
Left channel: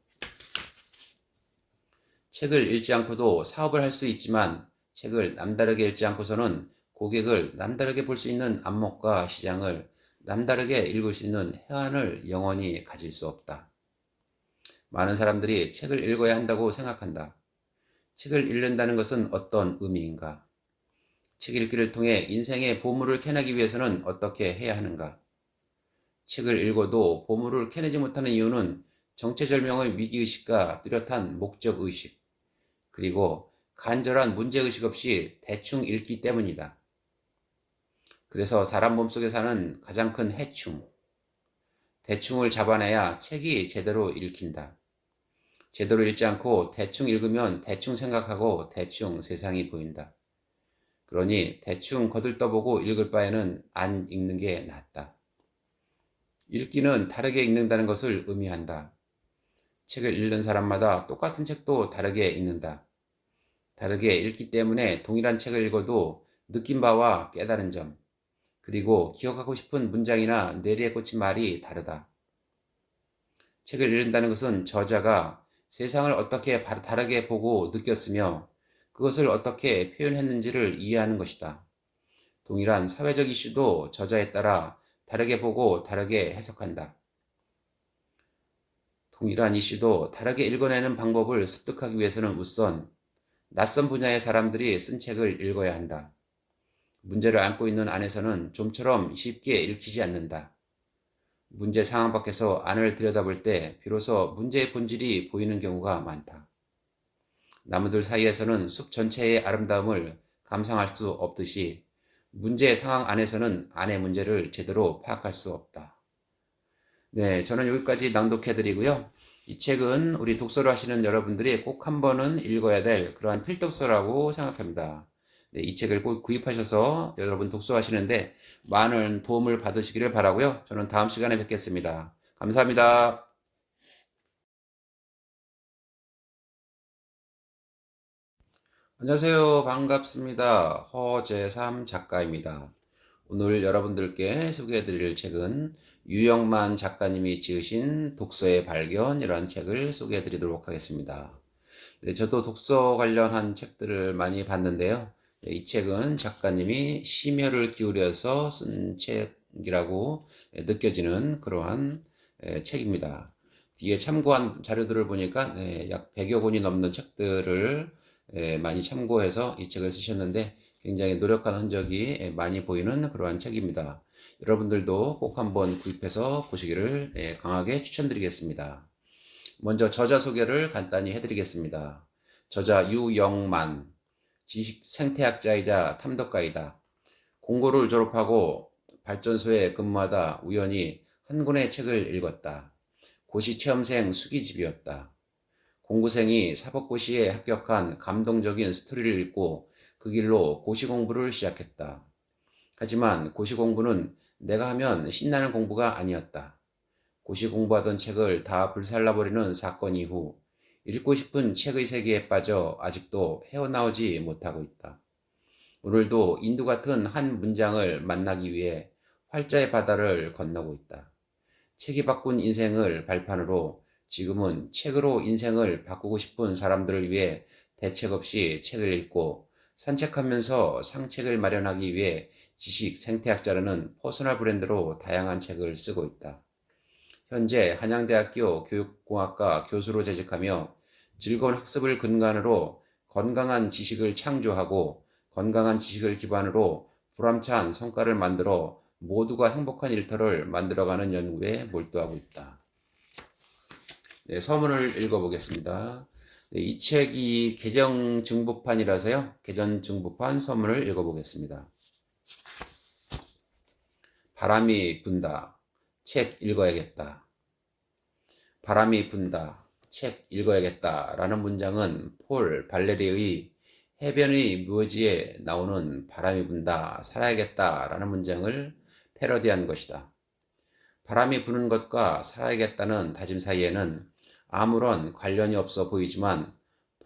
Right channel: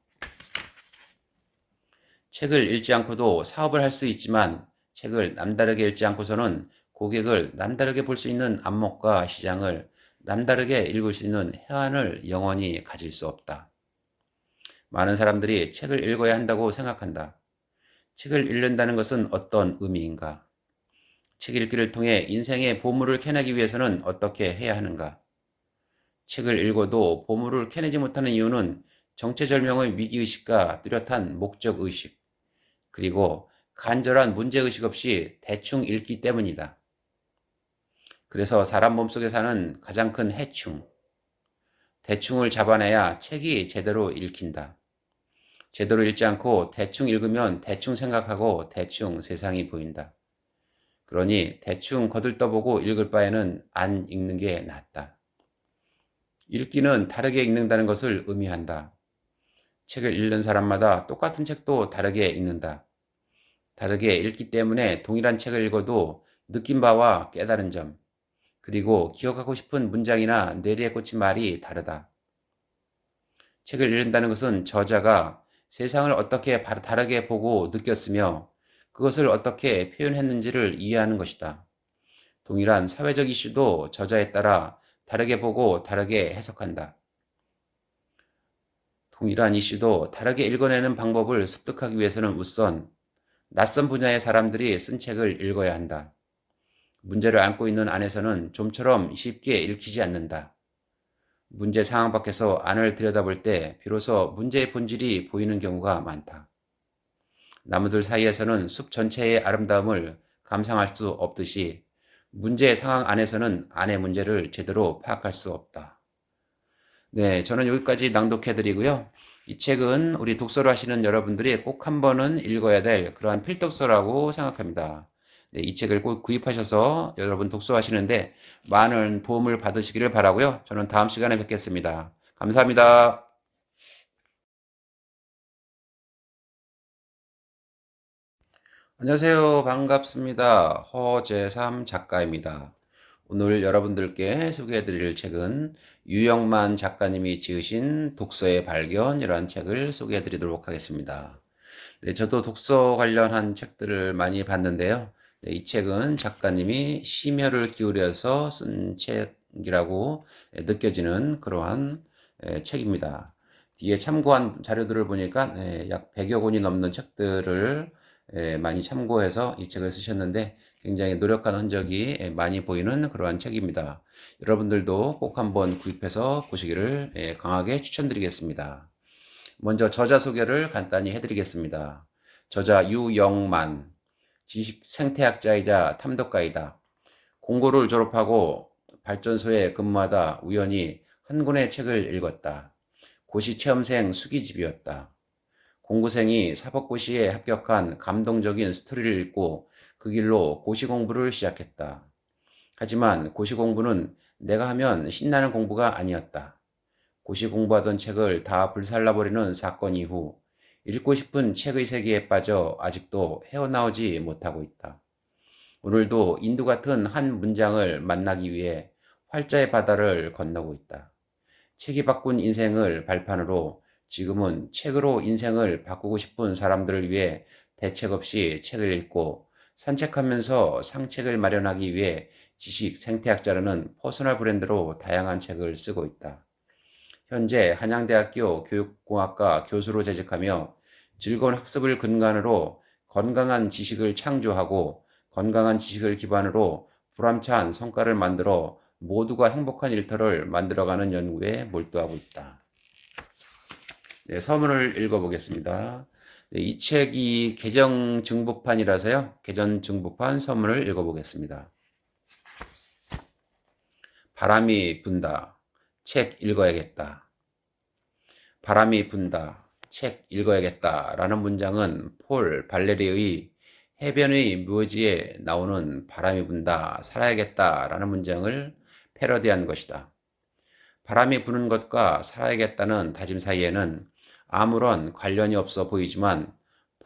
책을 읽지 않고도 사업을 할 수 있지만 책을 남다르게 읽지 않고서는 고객을 남다르게 볼 수 있는 안목과 시장을 남다르게 읽을 수 있는 해안을 영원히 가질 수 없다. 많은 사람들이 책을 읽어야 한다고 생각한다. 책을 읽는다는 것은 어떤 의미인가? 책 읽기를 통해 인생의 보물을 캐내기 위해서는 어떻게 해야 하는가? 책을 읽어도 보물을 캐내지 못하는 이유는 정체절명의 위기의식과 뚜렷한 목적의식, 그리고 간절한 문제의식 없이 대충 읽기 때문이다. 그래서 사람 몸속에 사는 가장 큰 해충, 대충을 잡아내야 책이 제대로 읽힌다. 제대로 읽지 않고 대충 읽으면 대충 생각하고 대충 세상이 보인다. 그러니 대충 거들떠보고 읽을 바에는 안 읽는 게 낫다. 읽기는 다르게 읽는다는 것을 의미한다. 책을 읽는 사람마다 똑같은 책도 다르게 읽는다. 다르게 읽기 때문에 동일한 책을 읽어도 느낀 바와 깨달은 점, 그리고 기억하고 싶은 문장이나 뇌리에 꽂힌 말이 다르다. 책을 읽는다는 것은 저자가 세상을 어떻게 다르게 보고 느꼈으며 그것을 어떻게 표현했는지를 이해하는 것이다. 동일한 사회적 이슈도 저자에 따라 다르게 보고 다르게 해석한다. 동일한 이슈도 다르게 읽어내는 방법을 습득하기 위해서는 우선 낯선 분야의 사람들이 쓴 책을 읽어야 한다. 문제를 안고 있는 안에서는 좀처럼 쉽게 읽히지 않는다. 문제 상황 밖에서 안을 들여다볼 때 비로소 문제의 본질이 보이는 경우가 많다. 나무들 사이에서는 숲 전체의 아름다움을 감상할 수 없듯이 문제 상황 안에서는 안의 문제를 제대로 파악할 수 없다. 네, 저는 여기까지 낭독해드리고요. 이 책은 우리 독서를 하시는 여러분들이 꼭 한 번은 읽어야 될 그러한 필독서라고 생각합니다. 네, 이 책을 꼭 구입하셔서 여러분 독서하시는데 많은 도움을 받으시기를 바라고요. 저는 다음 시간에 뵙겠습니다. 감사합니다. 안녕하세요. 반갑습니다. 허재삼 작가입니다. 오늘 여러분들께 소개해드릴 책은 유영만 작가님이 지으신 독서의 발견이라는 책을 소개해드리도록 하겠습니다. 네, 저도 독서 관련한 책들을 많이 봤는데요. 네, 이 책은 작가님이 심혈을 기울여서 쓴 책이라고 느껴지는 그러한 책입니다. 뒤에 참고한 자료들을 보니까 약 100여 권이 넘는 책들을 많이 참고해서 이 책을 쓰셨는데 굉장히 노력한 흔적이 많이 보이는 그러한 책입니다. 여러분들도 꼭 한번 구입해서 보시기를 강하게 추천드리겠습니다. 먼저 저자 소개를 간단히 해드리겠습니다. 저자 유영만, 지식 생태학자이자 탐독가이다. 공고를 졸업하고 발전소에 근무하다 우연히 한 권의 책을 읽었다. 고시 체험생 수기집이었다. 공고생이 사법고시에 합격한 감동적인 스토리를 읽고 그 길로 고시 공부를 시작했다. 하지만 고시 공부는 내가 하면 신나는 공부가 아니었다. 고시 공부하던 책을 다 불살라버리는 사건 이후 읽고 싶은 책의 세계에 빠져 아직도 헤어나오지 못하고 있다. 오늘도 인두 같은 한 문장을 만나기 위해 활자의 바다를 건너고 있다. 책이 바꾼 인생을 발판으로 지금은 책으로 인생을 바꾸고 싶은 사람들을 위해 대책 없이 책을 읽고 산책하면서 상책을 마련하기 위해 지식 생태학자라는 퍼스널 브랜드로 다양한 책을 쓰고 있다. 현재 한양대학교 교육공학과 교수로 재직하며 즐거운 학습을 근간으로 건강한 지식을 창조하고 건강한 지식을 기반으로 보람찬 성과를 만들어 모두가 행복한 일터를 만들어가는 연구에 몰두하고 있다. 네, 서문을 읽어보겠습니다. 네, 이 책이 개정 증부판이라서요. 개정 증부판 서문을 읽어보겠습니다. 바람이 분다. 책 읽어야겠다. 바람이 분다. 책 읽어야겠다. 라는 문장은 폴 발레리의 해변의 묘지에 나오는 바람이 분다. 살아야겠다. 라는 문장을 패러디한 것이다. 바람이 부는 것과 살아야겠다는 다짐 사이에는 아무런 관련이 없어 보이지만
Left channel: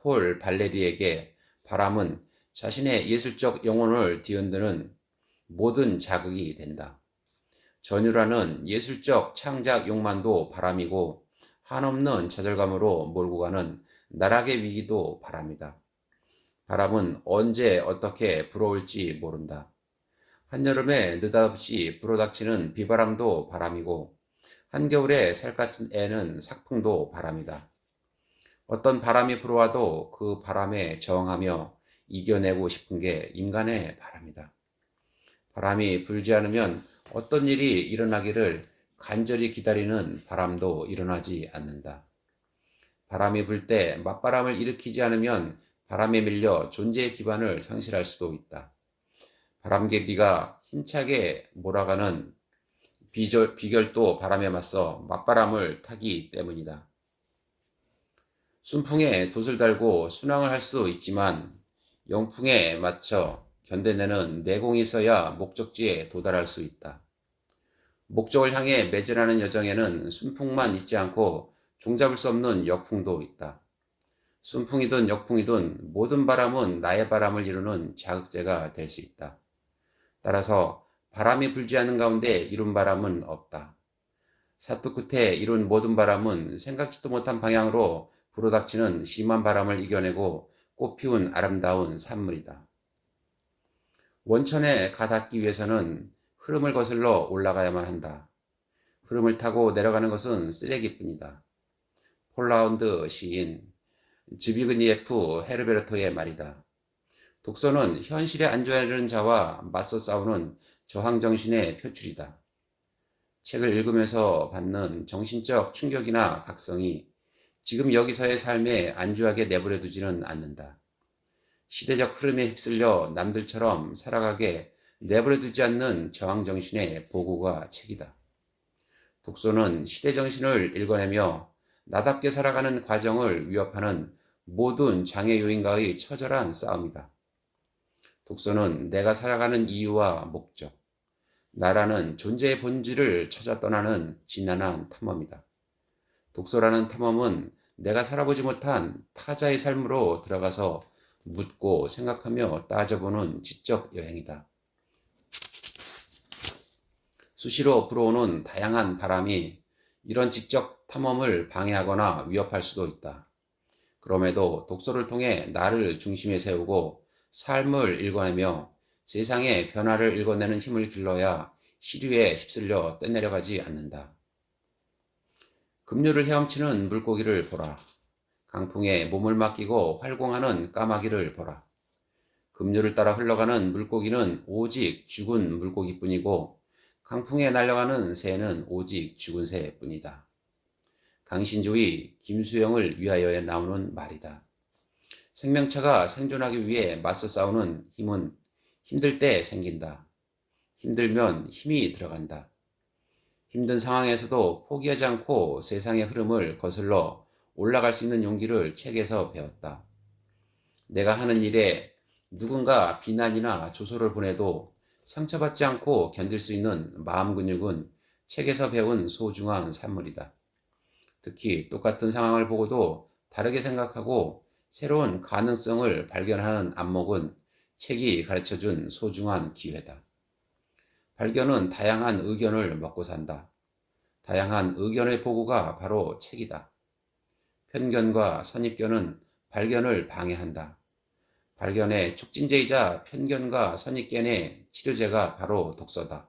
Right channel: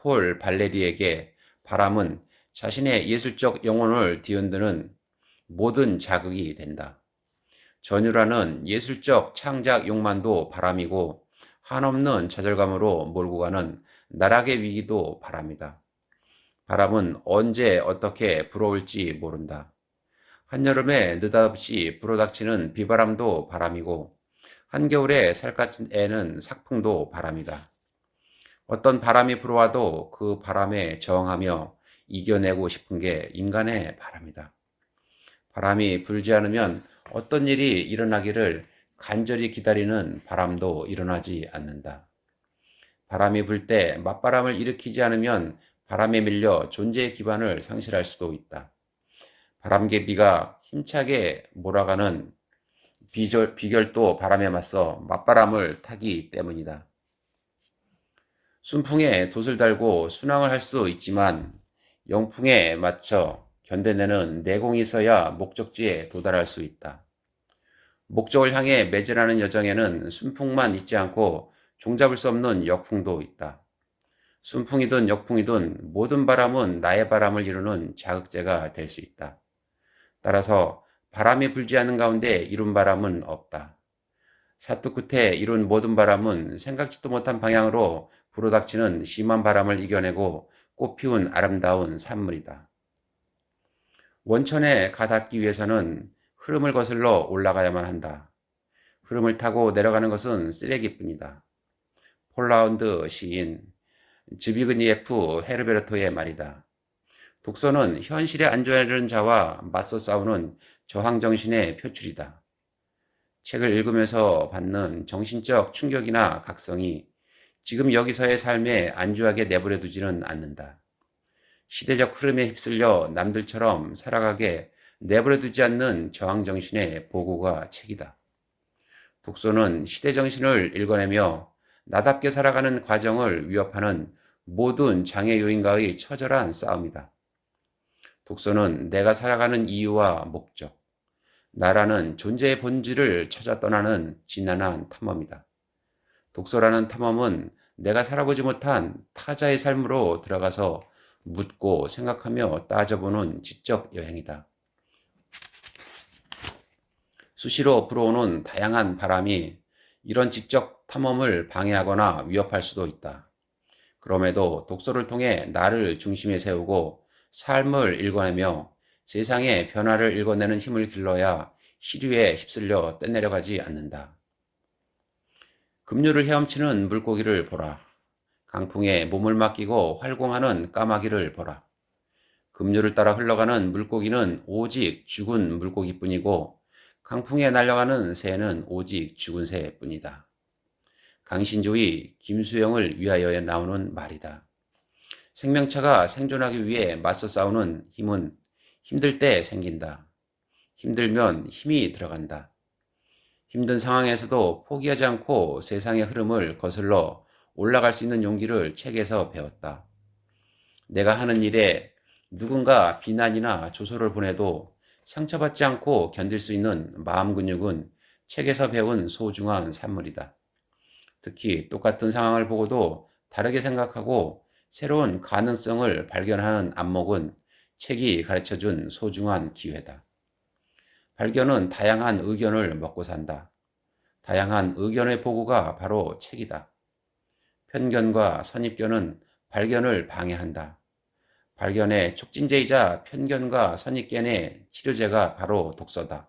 폴 발레리에게 바람은 자신의 예술적 영혼을 뒤흔드는 모든 자극이 된다. 전율하는 예술적 창작 욕망도 바람이고 한없는 좌절감으로 몰고 가는 나락의 위기도 바람이다. 바람은 언제 어떻게 불어올지 모른다. 한여름에 느닷없이 불어닥치는 비바람도 바람이고 한겨울에 살갗은 애는 삭풍도 바람이다. 어떤 바람이 불어와도 그 바람에 저항하며 이겨내고 싶은 게 인간의 바람이다. 바람이 불지 않으면 어떤 일이 일어나기를 간절히 기다리는 바람도 일어나지 않는다. 바람이 불 때 맞바람을 일으키지 않으면 바람에 밀려 존재의 기반을 상실할 수도 있다. 바람개비가 힘차게 몰아가는 비결도 바람에 맞서 맞바람을 타기 때문이다. 순풍에 돛을 달고 순항을 할 수 있지만 영풍에 맞춰 견뎌내는 내공이 있어야 목적지에 도달할 수 있다. 목적을 향해 매진하는 여정에는 순풍만 있지 않고 종잡을 수 없는 역풍도 있다. 순풍이든 역풍이든 모든 바람은 나의 바람을 이루는 자극제가 될 수 있다. 따라서 바람이 불지 않는 가운데 이룬 바람은 없다. 사투 끝에 이룬 모든 바람은 생각지도 못한 방향으로 불어닥치는 심한 바람을 이겨내고 꽃피운 아름다운 산물이다. 원천에 가닿기 위해서는 흐름을 거슬러 올라가야만 한다. 흐름을 타고 내려가는 것은 쓰레기뿐이다. 폴라운드 시인 즈비그니에프 헤르베르토의 말이다. 독서는 현실에 안주하려는 자와 맞서 싸우는 저항정신의 표출이다. 책을 읽으면서 받는 정신적 충격이나 각성이 지금 여기서의 삶에 안주하게 내버려 두지는 않는다. 시대적 흐름에 휩쓸려 남들처럼 살아가게 내버려 두지 않는 저항정신의 보고가 책이다. 독서는 시대정신을 읽어내며 나답게 살아가는 과정을 위협하는 모든 장애 요인과의 처절한 싸움이다. 독서는 내가 살아가는 이유와 목적, 나라는 존재의 본질을 찾아 떠나는 지난한 탐험이다. 독서라는 탐험은 내가 살아보지 못한 타자의 삶으로 들어가서 묻고 생각하며 따져보는 지적 여행이다. 수시로 불어오는 다양한 바람이 이런 지적 탐험을 방해하거나 위협할 수도 있다. 그럼에도 독서를 통해 나를 중심에 세우고 삶을 읽어내며 세상의 변화를 읽어내는 힘을 길러야 시류에 휩쓸려 떠내려가지 않는다. 급류를 헤엄치는 물고기를 보라. 강풍에 몸을 맡기고 활공하는 까마귀를 보라. 급류를 따라 흘러가는 물고기는 오직 죽은 물고기뿐이고 강풍에 날아가는 새는 오직 죽은 새뿐이다. 강신조의 김수영을 위하여에 나오는 말이다. 생명체가 생존하기 위해 맞서 싸우는 힘은 힘들 때 생긴다. 힘들면 힘이 들어간다. 힘든 상황에서도 포기하지 않고 세상의 흐름을 거슬러 올라갈 수 있는 용기를 책에서 배웠다. 내가 하는 일에 누군가 비난이나 조소를 보내도 상처받지 않고 견딜 수 있는 마음 근육은 책에서 배운 소중한 산물이다. 특히 똑같은 상황을 보고도 다르게 생각하고 새로운 가능성을 발견하는 안목은 책이 가르쳐준 소중한 기회다. 발견은 다양한 의견을 먹고 산다. 다양한 의견의 보고가 바로 책이다. 편견과 선입견은 발견을 방해한다. 발견의 촉진제이자 편견과 선입견의 치료제가 바로 독서다.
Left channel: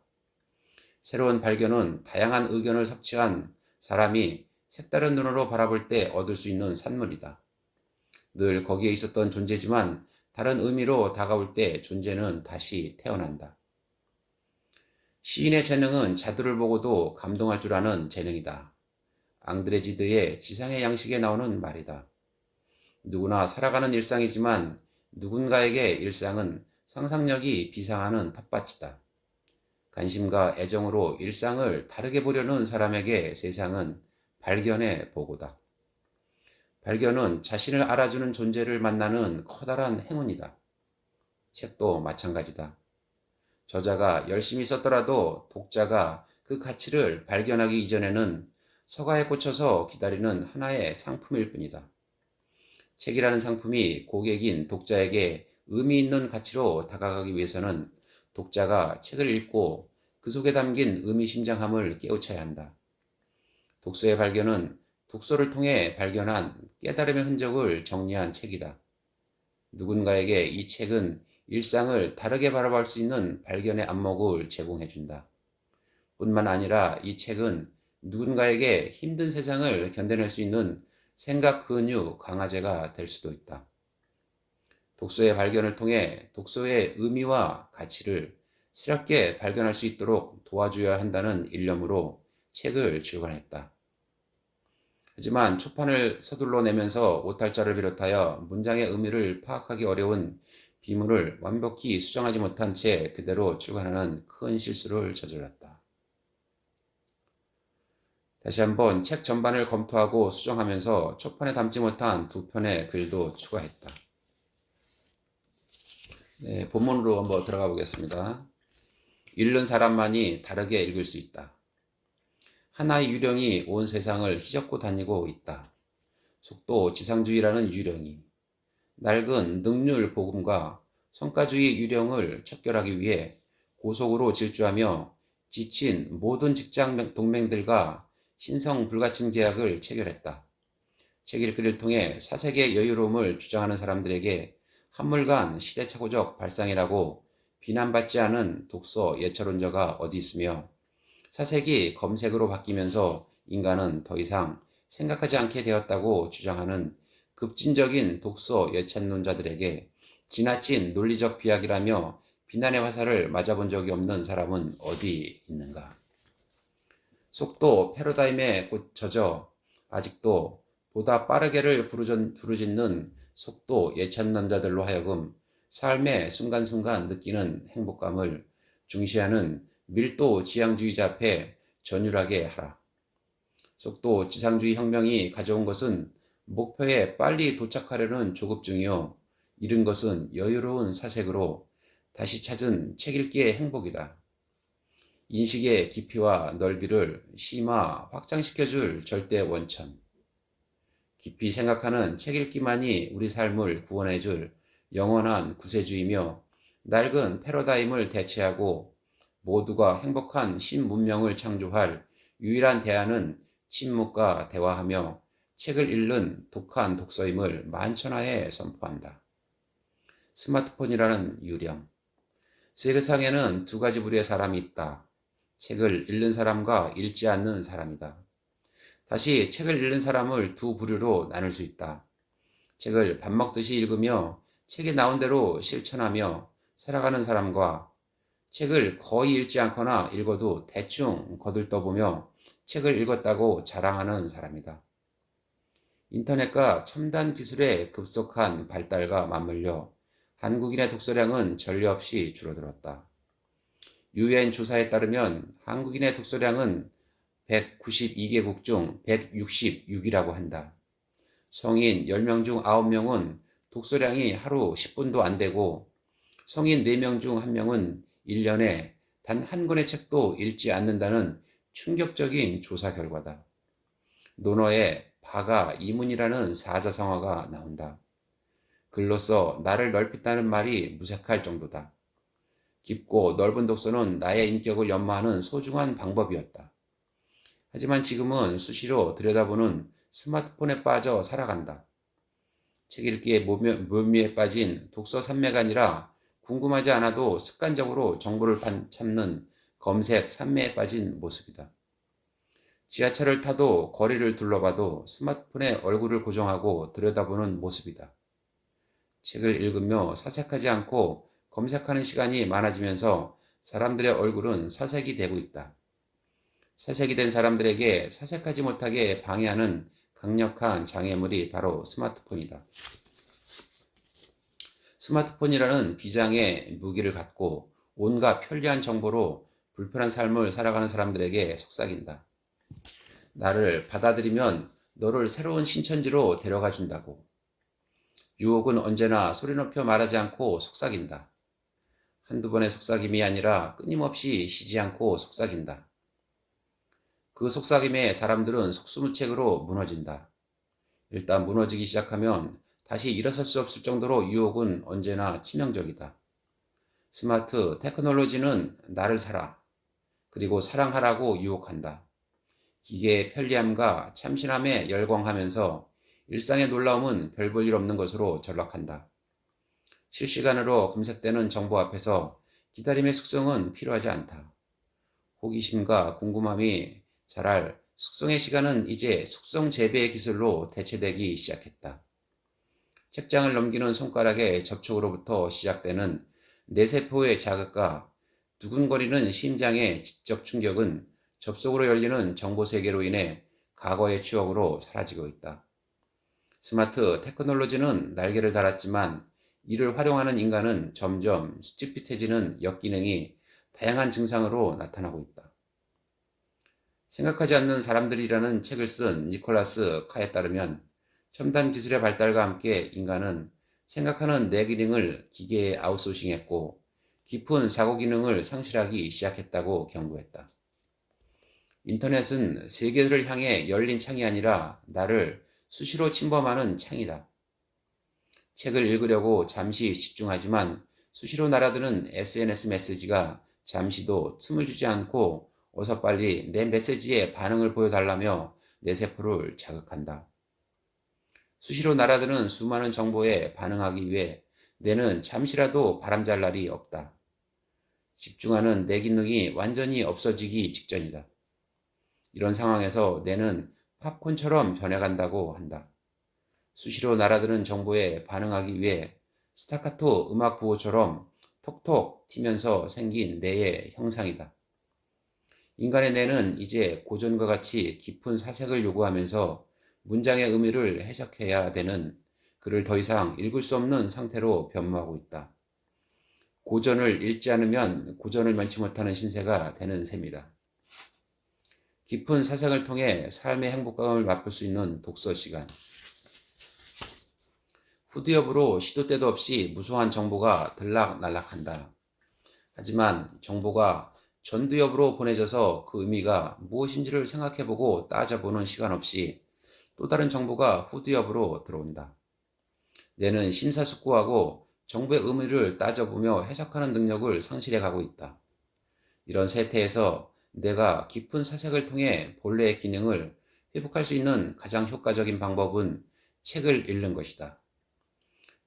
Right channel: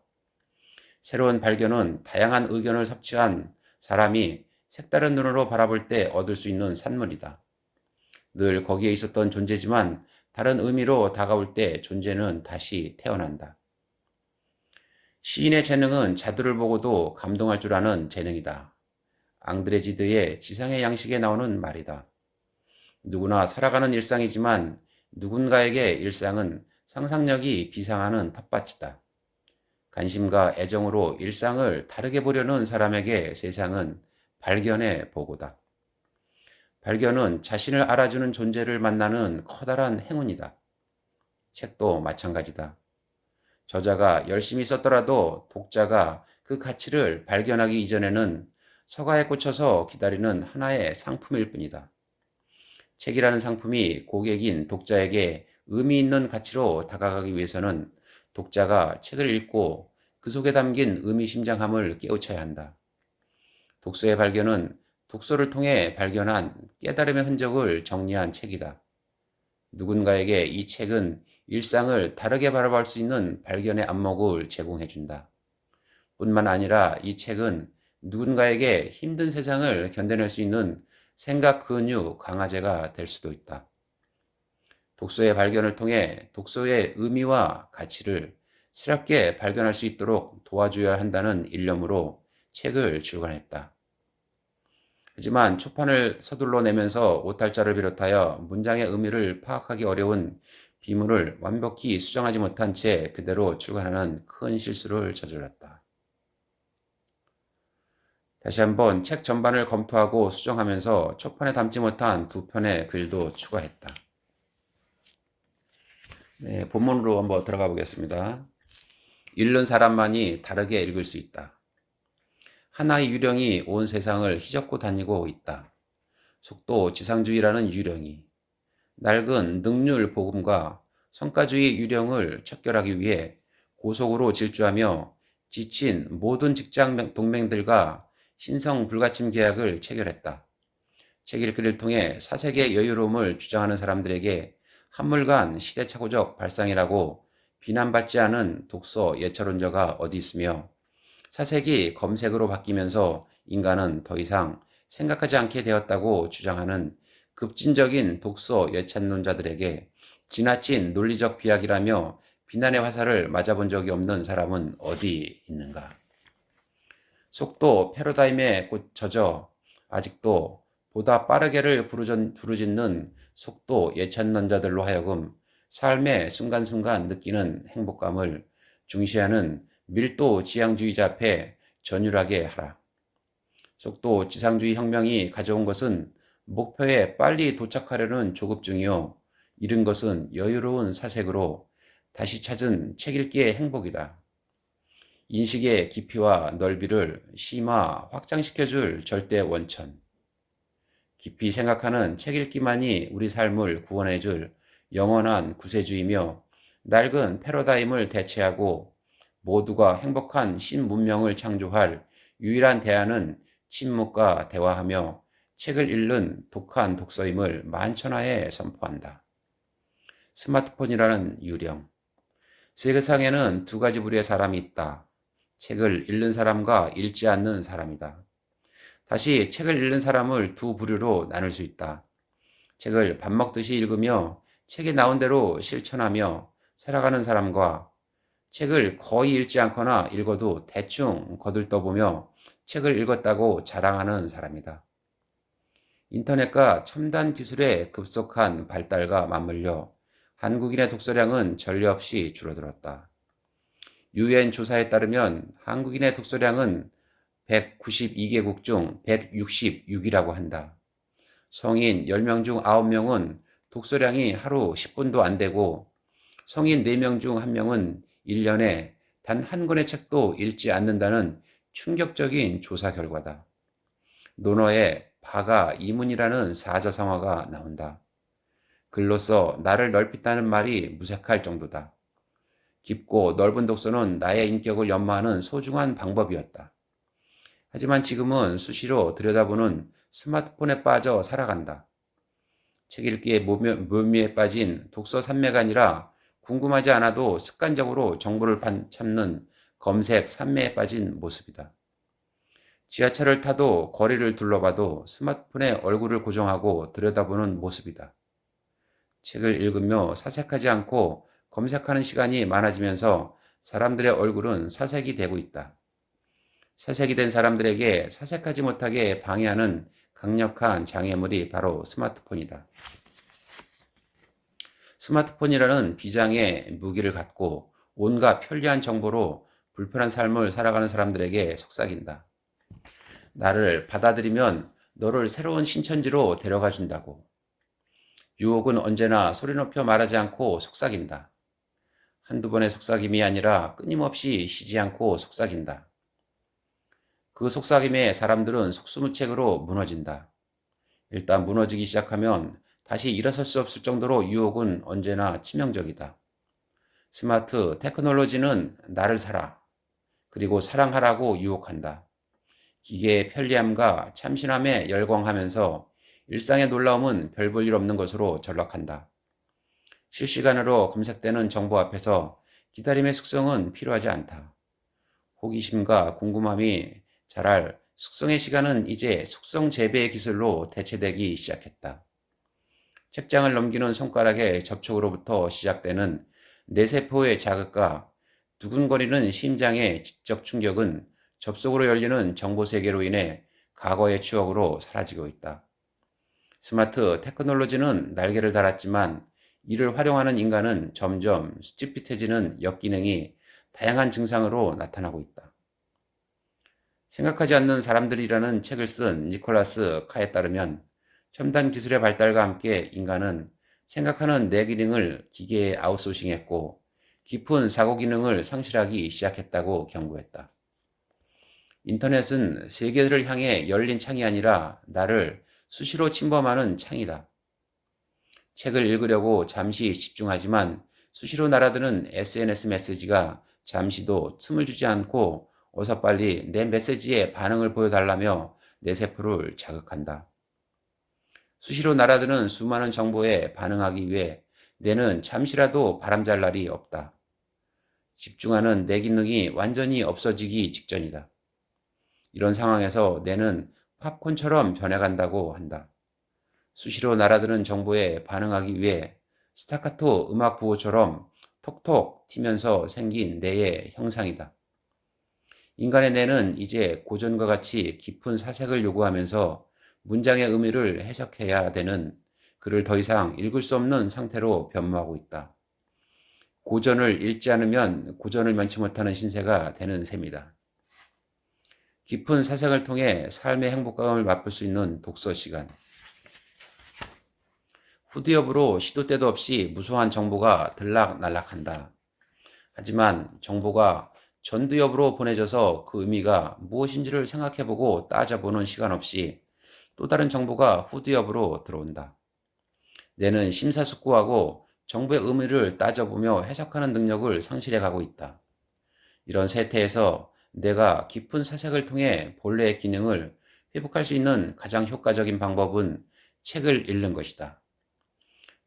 새로운 발견은 다양한 의견을 섭취한 사람이 색다른 눈으로 바라볼 때 얻을 수 있는 산물이다. 늘 거기에 있었던 존재지만 다른 의미로 다가올 때 존재는 다시 태어난다. 시인의 재능은 자두를 보고도 감동할 줄 아는 재능이다. 앙드레지드의 지상의 양식에 나오는 말이다. 누구나 살아가는 일상이지만 누군가에게 일상은 상상력이 비상하는 텃밭이다. 관심과 애정으로 일상을 다르게 보려는 사람에게 세상은 발견의 보고다. 발견은 자신을 알아주는 존재를 만나는 커다란 행운이다. 책도 마찬가지다. 저자가 열심히 썼더라도 독자가 그 가치를 발견하기 이전에는 서가에 꽂혀서 기다리는 하나의 상품일 뿐이다. 책이라는 상품이 고객인 독자에게 의미 있는 가치로 다가가기 위해서는 독자가 책을 읽고 그 속에 담긴 의미심장함을 깨우쳐야 한다. 독서의 발견은 독서를 통해 발견한 깨달음의 흔적을 정리한 책이다. 누군가에게 이 책은 일상을 다르게 바라볼 수 있는 발견의 안목을 제공해준다. 뿐만 아니라 이 책은 누군가에게 힘든 세상을 견뎌낼 수 있는 생각 근육 강화제가 될 수도 있다. 독서의 발견을 통해 독서의 의미와 가치를 새롭게 발견할 수 있도록 도와줘야 한다는 일념으로 책을 출간했다. 하지만 초판을 서둘러 내면서 오탈자를 비롯하여 문장의 의미를 파악하기 어려운 비문을 완벽히 수정하지 못한 채 그대로 출간하는 큰 실수를 저질렀다. 다시 한번 책 전반을 검토하고 수정하면서 초판에 담지 못한 2편의 글도 추가했다. 네, 본문으로 한번 들어가 보겠습니다. 읽는 사람만이 다르게 읽을 수 있다. 하나의 유령이 온 세상을 휘젓고 다니고 있다. 속도 지상주의라는 유령이 낡은 능률 복음과 성과주의 유령을 척결하기 위해 고속으로 질주하며 지친 모든 직장 동맹들과 신성 불가침 계약을 체결했다. 책 읽기를 통해 사색의 여유로움을 주장하는 사람들에게 한물간 시대착오적 발상이라고 비난받지 않은 독서 예찰론자가 어디 있으며 사색이 검색으로 바뀌면서 인간은 더 이상 생각하지 않게 되었다고 주장하는 급진적인 독서 예찬론자들에게 지나친 논리적 비약이라며 비난의 화살을 맞아본 적이 없는 사람은 어디 있는가? 속도 패러다임에 젖어 아직도 보다 빠르게를 부르짖는 속도 예찬론자들로 하여금 삶의 순간순간 느끼는 행복감을 중시하는 밀도 지향주의자 앞에 전율하게 하라. 속도 지상주의 혁명이 가져온 것은 목표에 빨리 도착하려는 조급증이요. 잃은 것은 여유로운 사색으로 다시 찾은 책 읽기의 행복이다. 인식의 깊이와 넓이를 심화 확장시켜줄 절대 원천. 깊이 생각하는 책 읽기만이 우리 삶을 구원해줄 영원한 구세주이며 낡은 패러다임을 대체하고 모두가 행복한 신문명을 창조할 유일한 대안은 침묵과 대화하며 책을 읽는 독한 독서임을 만천하에 선포한다. 스마트폰이라는 유령. 세상에는 두 가지 부류의 사람이 있다. 책을 읽는 사람과 읽지 않는 사람이다. 다시 책을 읽는 사람을 두 부류로 나눌 수 있다. 책을 밥 먹듯이 읽으며 책에 나온 대로 실천하며 살아가는 사람과 책을 거의 읽지 않거나 읽어도 대충 거들떠보며 책을 읽었다고 자랑하는 사람이다. 인터넷과 첨단 기술의 급속한 발달과 맞물려 한국인의 독서량은 전례 없이 줄어들었다. UN 조사에 따르면 한국인의 독서량은 192개국 중 166이라고 한다. 성인 10명 중 9명은 독서량이 하루 10분도 안 되고 성인 4명 중 1명은 1년에 단 한 권의 책도 읽지 않는다는 충격적인 조사 결과다. 논어에 바가 이문이라는 사자성어가 나온다. 글로써 나를 넓힌다는 말이 무색할 정도다. 깊고 넓은 독서는 나의 인격을 연마하는 소중한 방법이었다. 하지만 지금은 수시로 들여다보는 스마트폰에 빠져 살아간다. 책 읽기의 묘미에 빠진 독서 산매가 아니라 궁금하지 않아도 습관적으로 정보를 찾는 검색 산매에 빠진 모습이다. 지하철을 타도 거리를 둘러봐도 스마트폰에 얼굴을 고정하고 들여다보는 모습이다. 책을 읽으며 사색하지 않고 검색하는 시간이 많아지면서 사람들의 얼굴은 사색이 되고 있다. 사색이 된 사람들에게 사색하지 못하게 방해하는 강력한 장애물이 바로 스마트폰이다. 스마트폰이라는 비장의 무기를 갖고 온갖 편리한 정보로 불편한 삶을 살아가는 사람들에게 속삭인다. 나를 받아들이면 너를 새로운 신천지로 데려가 준다고. 유혹은 언제나 소리 높여 말하지 않고 속삭인다. 한두 번의 속삭임이 아니라 끊임없이 쉬지 않고 속삭인다. 그 속삭임에 사람들은 속수무책으로 무너진다. 일단 무너지기 시작하면 다시 일어설 수 없을 정도로 유혹은 언제나 치명적이다. 스마트 테크놀로지는 나를 사라, 그리고 사랑하라고 유혹한다. 기계의 편리함과 참신함에 열광하면서 일상의 놀라움은 별 볼 일 없는 것으로 전락한다. 실시간으로 검색되는 정보 앞에서 기다림의 숙성은 필요하지 않다. 호기심과 궁금함이 자랄 숙성의 시간은 이제 숙성 재배의 기술로 대체되기 시작했다. 책장을 넘기는 손가락의 접촉으로부터 시작되는 뇌세포의 자극과 두근거리는 심장의 지적 충격은 접속으로 열리는 정보 세계로 인해 과거의 추억으로 사라지고 있다. 스마트 테크놀로지는 날개를 달았지만 이를 활용하는 인간은 점점 수치핏해지는 역기능이 다양한 증상으로 나타나고 있다. 생각하지 않는 사람들이라는 책을 쓴 니콜라스 카에 따르면 첨단 기술의 발달과 함께 인간은 생각하는 뇌 기능을 기계에 아웃소싱했고 깊은 사고 기능을 상실하기 시작했다고 경고했다. 인터넷은 세계를 향해 열린 창이 아니라 나를 수시로 침범하는 창이다. 책을 읽으려고 잠시 집중하지만 수시로 날아드는 SNS 메시지가 잠시도 틈을 주지 않고 어서 빨리 내 메시지에 반응을 보여달라며 내 세포를 자극한다. 수시로 날아드는 수많은 정보에 반응하기 위해 뇌는 잠시라도 바람잘 날이 없다. 집중하는 내 기능이 완전히 없어지기 직전이다. 이런 상황에서 뇌는 팝콘처럼 변해간다고 한다. 수시로 날아드는 정보에 반응하기 위해 스타카토 음악 부호처럼 톡톡 튀면서 생긴 뇌의 형상이다. 인간의 뇌는 이제 고전과 같이 깊은 사색을 요구하면서 문장의 의미를 해석해야 되는 글을 더 이상 읽을 수 없는 상태로 변모하고 있다. 고전을 읽지 않으면 고전을 면치 못하는 신세가 되는 셈이다. 깊은 사색을 통해 삶의 행복감을 맛볼 수 있는 독서 시간. 후드엽으로 시도 때도 없이 무수한 정보가 들락날락한다. 하지만 정보가 전두엽으로 보내져서 그 의미가 무엇인지를 생각해보고 따져보는 시간 없이 또 다른 정보가 후두엽으로 들어온다. 뇌는 심사숙고하고 정보의 의미를 따져보며 해석하는 능력을 상실해가고 있다. 이런 세태에서 뇌가 깊은 사색을 통해 본래의 기능을 회복할 수 있는 가장 효과적인 방법은 책을 읽는 것이다.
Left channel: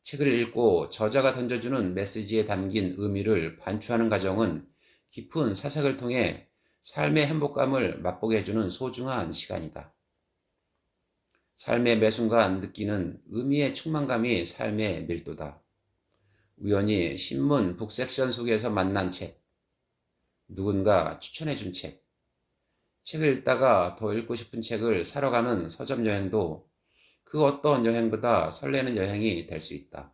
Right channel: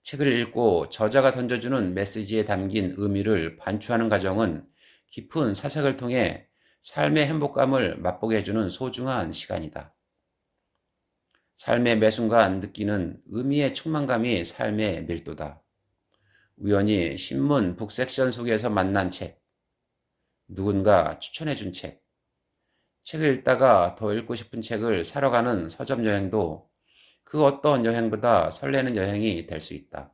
책을 읽고 저자가 던져주는 메시지에 담긴 의미를 반추하는 과정은 깊은 사색을 통해 삶의 행복감을 맛보게 해주는 소중한 시간이다. 삶의 매 순간 느끼는 의미의 충만감이 삶의 밀도다. 우연히 신문 북섹션 속에서 만난 책, 누군가 추천해준 책, 책을 읽다가 더 읽고 싶은 책을 사러 가는 서점 여행도 그 어떤 여행보다 설레는 여행이 될 수 있다.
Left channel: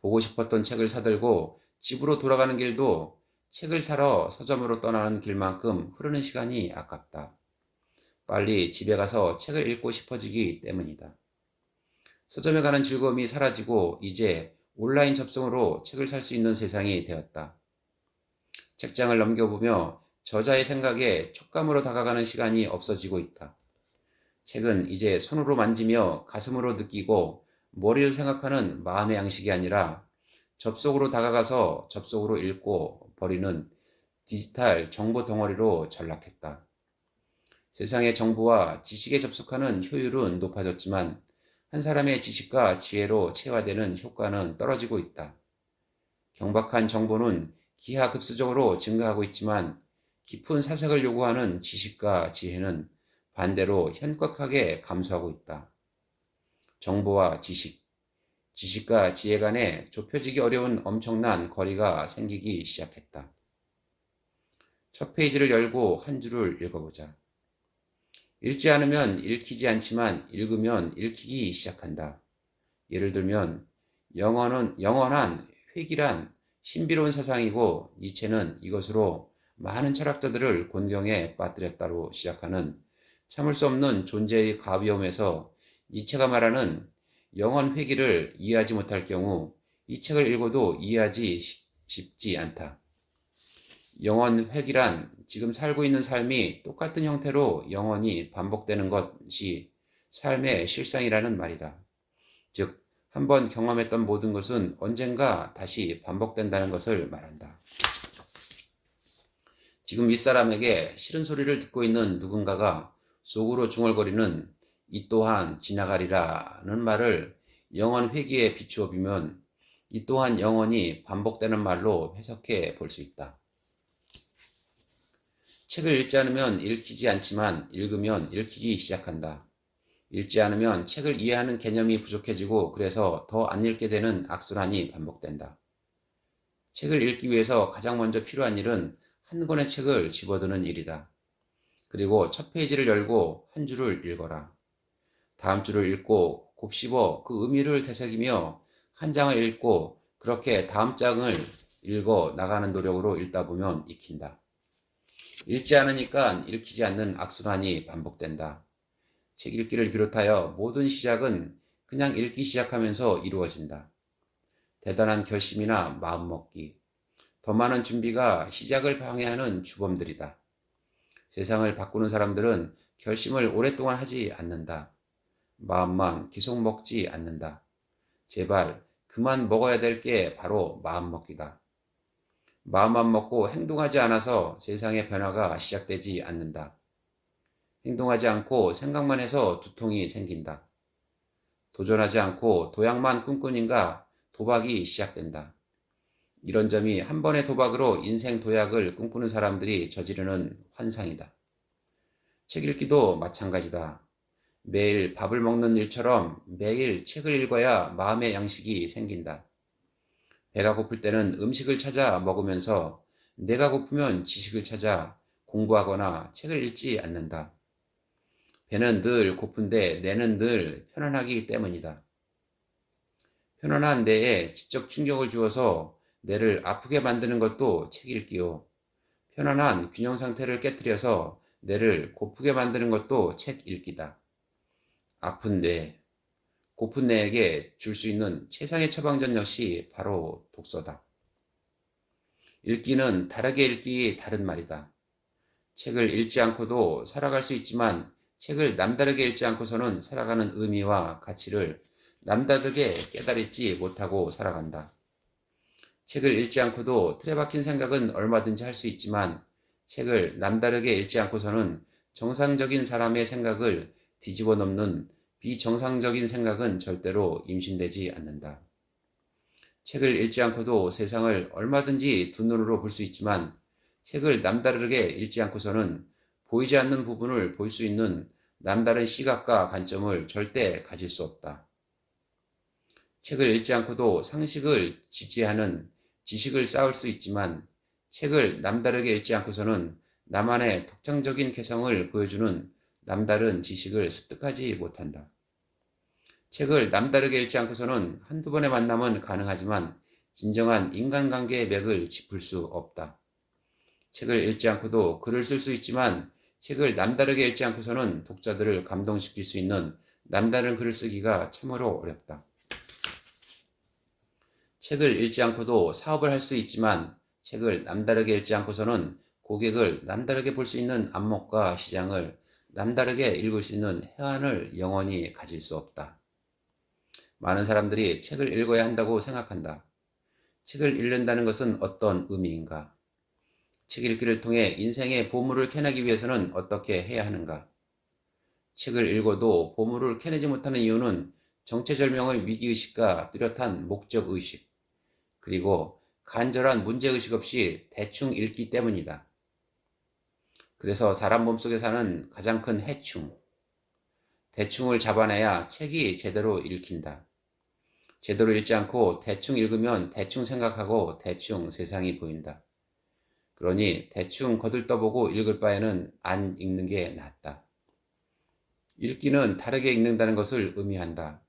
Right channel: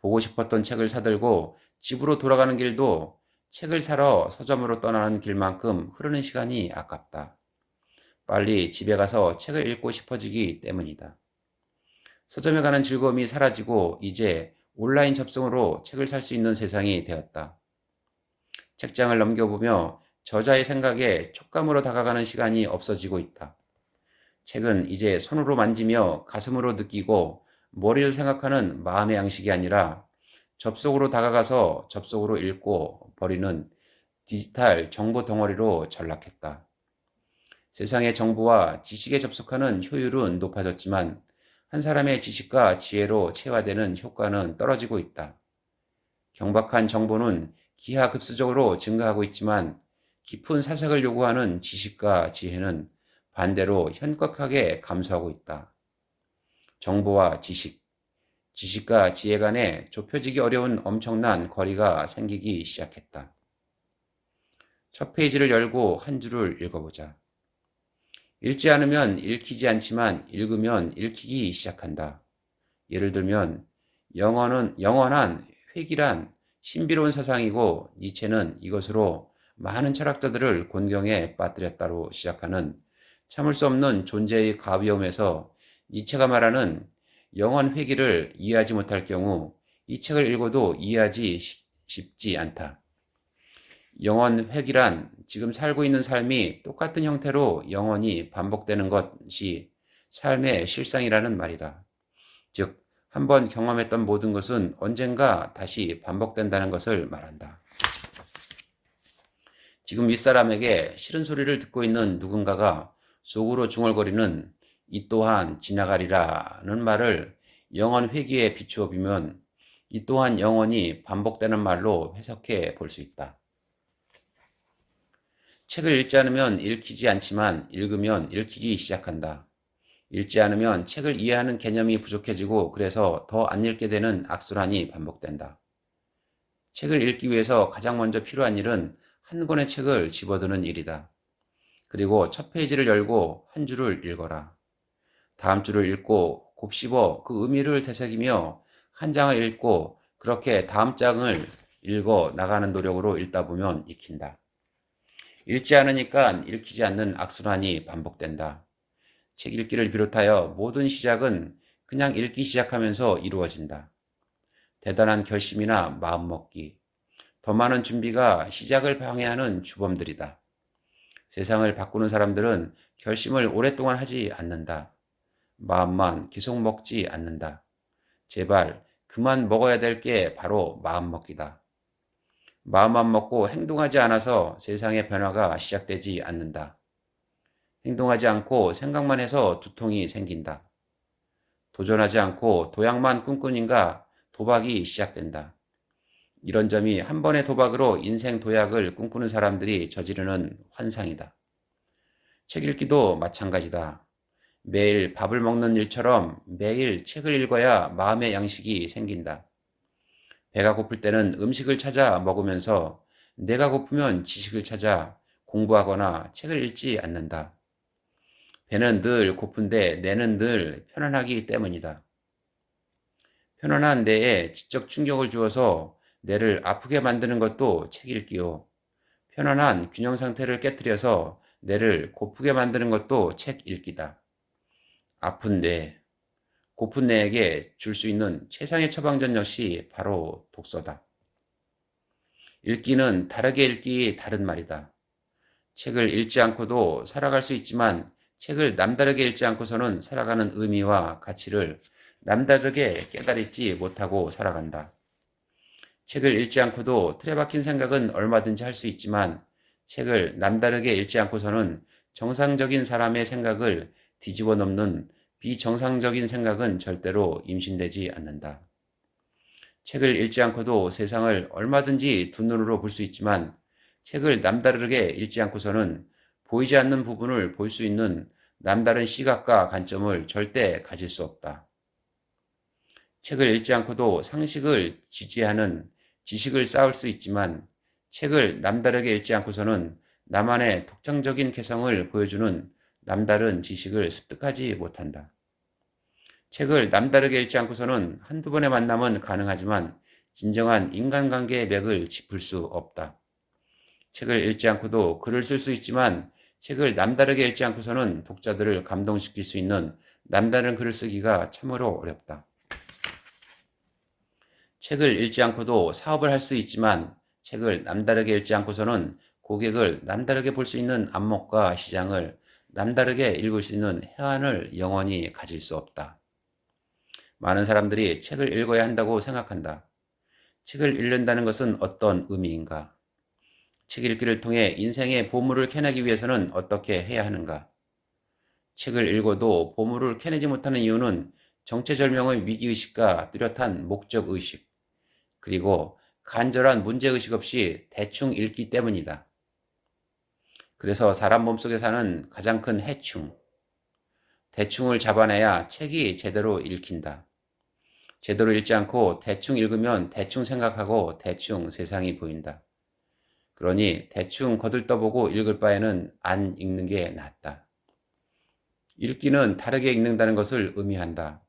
보고 싶었던 책을 사들고 집으로 돌아가는 길도 책을 사러 서점으로 떠나는 길만큼 흐르는 시간이 아깝다. 빨리 집에 가서 책을 읽고 싶어지기 때문이다. 서점에 가는 즐거움이 사라지고 이제 온라인 접속으로 책을 살 수 있는 세상이 되었다. 책장을 넘겨보며 저자의 생각에 촉감으로 다가가는 시간이 없어지고 있다. 책은 이제 손으로 만지며 가슴으로 느끼고 머리로 생각하는 마음의 양식이 아니라 접속으로 다가가서 접속으로 읽고 버리는 디지털 정보 덩어리로 전락했다. 세상의 정보와 지식에 접속하는 효율은 높아졌지만 한 사람의 지식과 지혜로 체화되는 효과는 떨어지고 있다. 경박한 정보는 기하급수적으로 증가하고 있지만 깊은 사색을 요구하는 지식과 지혜는 반대로 현격하게 감수하고 있다. 정보와 지식과 지혜 간에 좁혀지기 어려운 엄청난 거리가 생기기 시작했다. 첫 페이지를 열고 한 줄을 읽어보자. 읽지 않으면 읽히지 않지만 읽으면 읽히기 시작한다. 예를 들면 영원한 회귀란 신비로운 사상이고 니체는 이것으로 많은 철학자들을 곤경에 빠뜨렸다로 시작하는 참을 수 없는 존재의 가벼움에서 니체가 말하는 영원 회귀를 이해하지 못할 경우 이 책을 읽어도 이해하기 쉽지 않다. 영원 회귀란 지금 살고 있는 삶이 똑같은 형태로 영원히 반복되는 것이 삶의 실상이라는 말이다. 즉, 한번 경험했던 모든 것은 언젠가 다시 반복된다는 것을 말한다. 지금 윗사람에게 싫은 소리를 듣고 있는 누군가가 속으로 중얼거리는 이 또한 지나가리라는 말을 영원 회귀에 비추어 보면 이 또한 영원히 반복되는 말로 해석해 볼 수 있다. 책을 읽지 않으면 읽히지 않지만 읽으면 읽히기 시작한다. 읽지 않으면 책을 이해하는 개념이 부족해지고 그래서 더 안 읽게 되는 악순환이 반복된다. 책을 읽기 위해서 가장 먼저 필요한 일은 한 권의 책을 집어드는 일이다. 그리고 첫 페이지를 열고 한 줄을 읽어라. 다음 줄을 읽고 곱씹어 그 의미를 되새기며 한 장을 읽고 그렇게 다음 장을 읽어 나가는 노력으로 읽다 보면 익힌다. 읽지 않으니까 읽히지 않는 악순환이 반복된다. 책 읽기를 비롯하여 모든 시작은 그냥 읽기 시작하면서 이루어진다. 대단한 결심이나 마음먹기, 더 많은 준비가 시작을 방해하는 주범들이다. 세상을 바꾸는 사람들은 결심을 오랫동안 하지 않는다. 마음만 계속 먹지 않는다. 제발 그만 먹어야 될 게 바로 마음먹기다. 마음만 먹고 행동하지 않아서 세상의 변화가 시작되지 않는다. 행동하지 않고 생각만 해서 두통이 생긴다. 도전하지 않고 도약만 꿈꾸니까 도박이 시작된다. 이런 점이 한 번의 도박으로 인생 도약을 꿈꾸는 사람들이 저지르는 환상이다. 책 읽기도 마찬가지다. 매일 밥을 먹는 일처럼 매일 책을 읽어야 마음의 양식이 생긴다. 배가 고플 때는 음식을 찾아 먹으면서 내가 고프면 지식을 찾아 공부하거나 책을 읽지 않는다. 배는 늘 고픈데 뇌는 늘 편안하기 때문이다. 편안한 뇌에 지적 충격을 주어서 뇌를 아프게 만드는 것도 책 읽기요. 편안한 균형 상태를 깨뜨려서 뇌를 고프게 만드는 것도 책 읽기다. 아픈 뇌, 고픈 뇌에게 줄 수 있는 최상의 처방전 역시 바로 독서다. 읽기는 다르게 읽기 다른 말이다. 책을 읽지 않고도 살아갈 수 있지만 책을 남다르게 읽지 않고서는 살아가는 의미와 가치를 남다르게 깨달지 못하고 살아간다. 책을 읽지 않고도 틀에 박힌 생각은 얼마든지 할 수 있지만 책을 남다르게 읽지 않고서는 정상적인 사람의 생각을 뒤집어 넘는 비정상적인 생각은 절대로 임신되지 않는다. 책을 읽지 않고도 세상을 얼마든지 두 눈으로 볼 수 있지만 책을 남다르게 읽지 않고서는 보이지 않는 부분을 볼 수 있는 남다른 시각과 관점을 절대 가질 수 없다. 책을 읽지 않고도 상식을 지지하는 지식을 쌓을 수 있지만 책을 남다르게 읽지 않고서는 나만의 독창적인 개성을 보여주는 남다른 지식을 습득하지 못한다. 책을 남다르게 읽지 않고서는 한두 번의 만남은 가능하지만 진정한 인간관계의 맥을 짚을 수 없다. 책을 읽지 않고도 글을 쓸 수 있지만 책을 남다르게 읽지 않고서는 독자들을 감동시킬 수 있는 남다른 글을 쓰기가 참으로 어렵다. 책을 읽지 않고도 사업을 할 수 있지만 책을 남다르게 읽지 않고서는 고객을 남다르게 볼 수 있는 안목과 시장을 남다르게 읽을 수 있는 해안을 영원히 가질 수 없다. 많은 사람들이 책을 읽어야 한다고 생각한다. 책을 읽는다는 것은 어떤 의미인가? 책 읽기를 통해 인생의 보물을 캐내기 위해서는 어떻게 해야 하는가? 책을 읽어도 보물을 캐내지 못하는 이유는 정체절명의 위기의식과 뚜렷한 목적의식, 그리고 간절한 문제의식 없이 대충 읽기 때문이다. 그래서 사람 몸속에 사는 가장 큰 해충, 대충을 잡아내야 책이 제대로 읽힌다. 제대로 읽지 않고 대충 읽으면 대충 생각하고 대충 세상이 보인다. 그러니 대충 거들떠보고 읽을 바에는 안 읽는 게 낫다. 읽기는 다르게 읽는다는 것을 의미한다.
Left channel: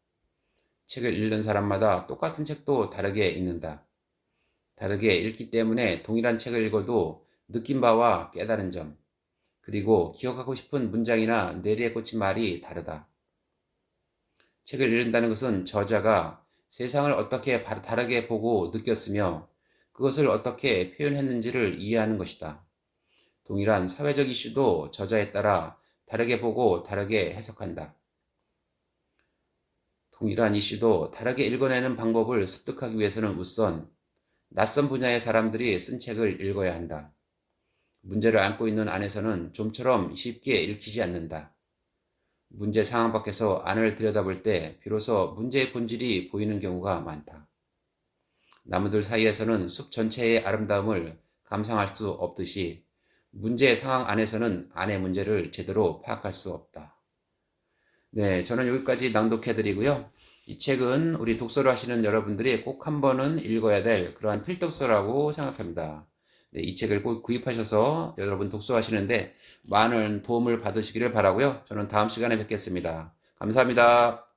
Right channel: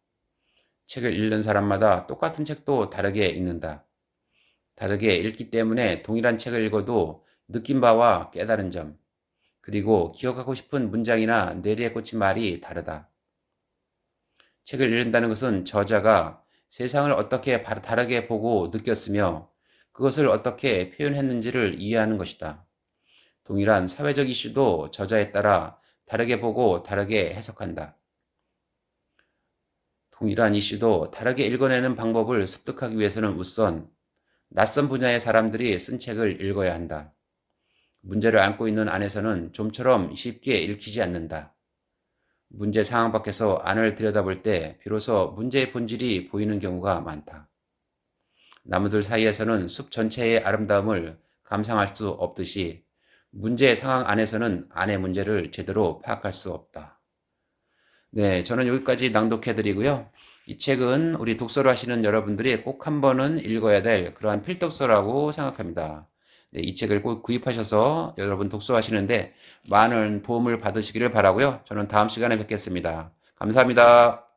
책을 읽는 사람마다 똑같은 책도 다르게 읽는다. 다르게 읽기 때문에 동일한 책을 읽어도 느낀 바와 깨달은 점, 그리고 기억하고 싶은 문장이나 뇌리에 꽂힌 말이 다르다. 책을 읽는다는 것은 저자가 세상을 어떻게 다르게 보고 느꼈으며 그것을 어떻게 표현했는지를 이해하는 것이다. 동일한 사회적 이슈도 저자에 따라 다르게 보고 다르게 해석한다. 동일한 이슈도 다르게 읽어내는 방법을 습득하기 위해서는 우선 낯선 분야의 사람들이 쓴 책을 읽어야 한다. 문제를 안고 있는 안에서는 좀처럼 쉽게 읽히지 않는다. 문제 상황 밖에서 안을 들여다볼 때 비로소 문제의 본질이 보이는 경우가 많다. 나무들 사이에서는 숲 전체의 아름다움을 감상할 수 없듯이 문제 상황 안에서는 안의 문제를 제대로 파악할 수 없다. 네, 저는 여기까지 낭독해드리고요. 이 책은 우리 독서를 하시는 여러분들이 꼭 한 번은 읽어야 될 그러한 필독서라고 생각합니다. 네, 이 책을 꼭 구입하셔서 여러분 독서하시는데 많은 도움을 받으시기를 바라고요. 저는 다음 시간에 뵙겠습니다. 감사합니다.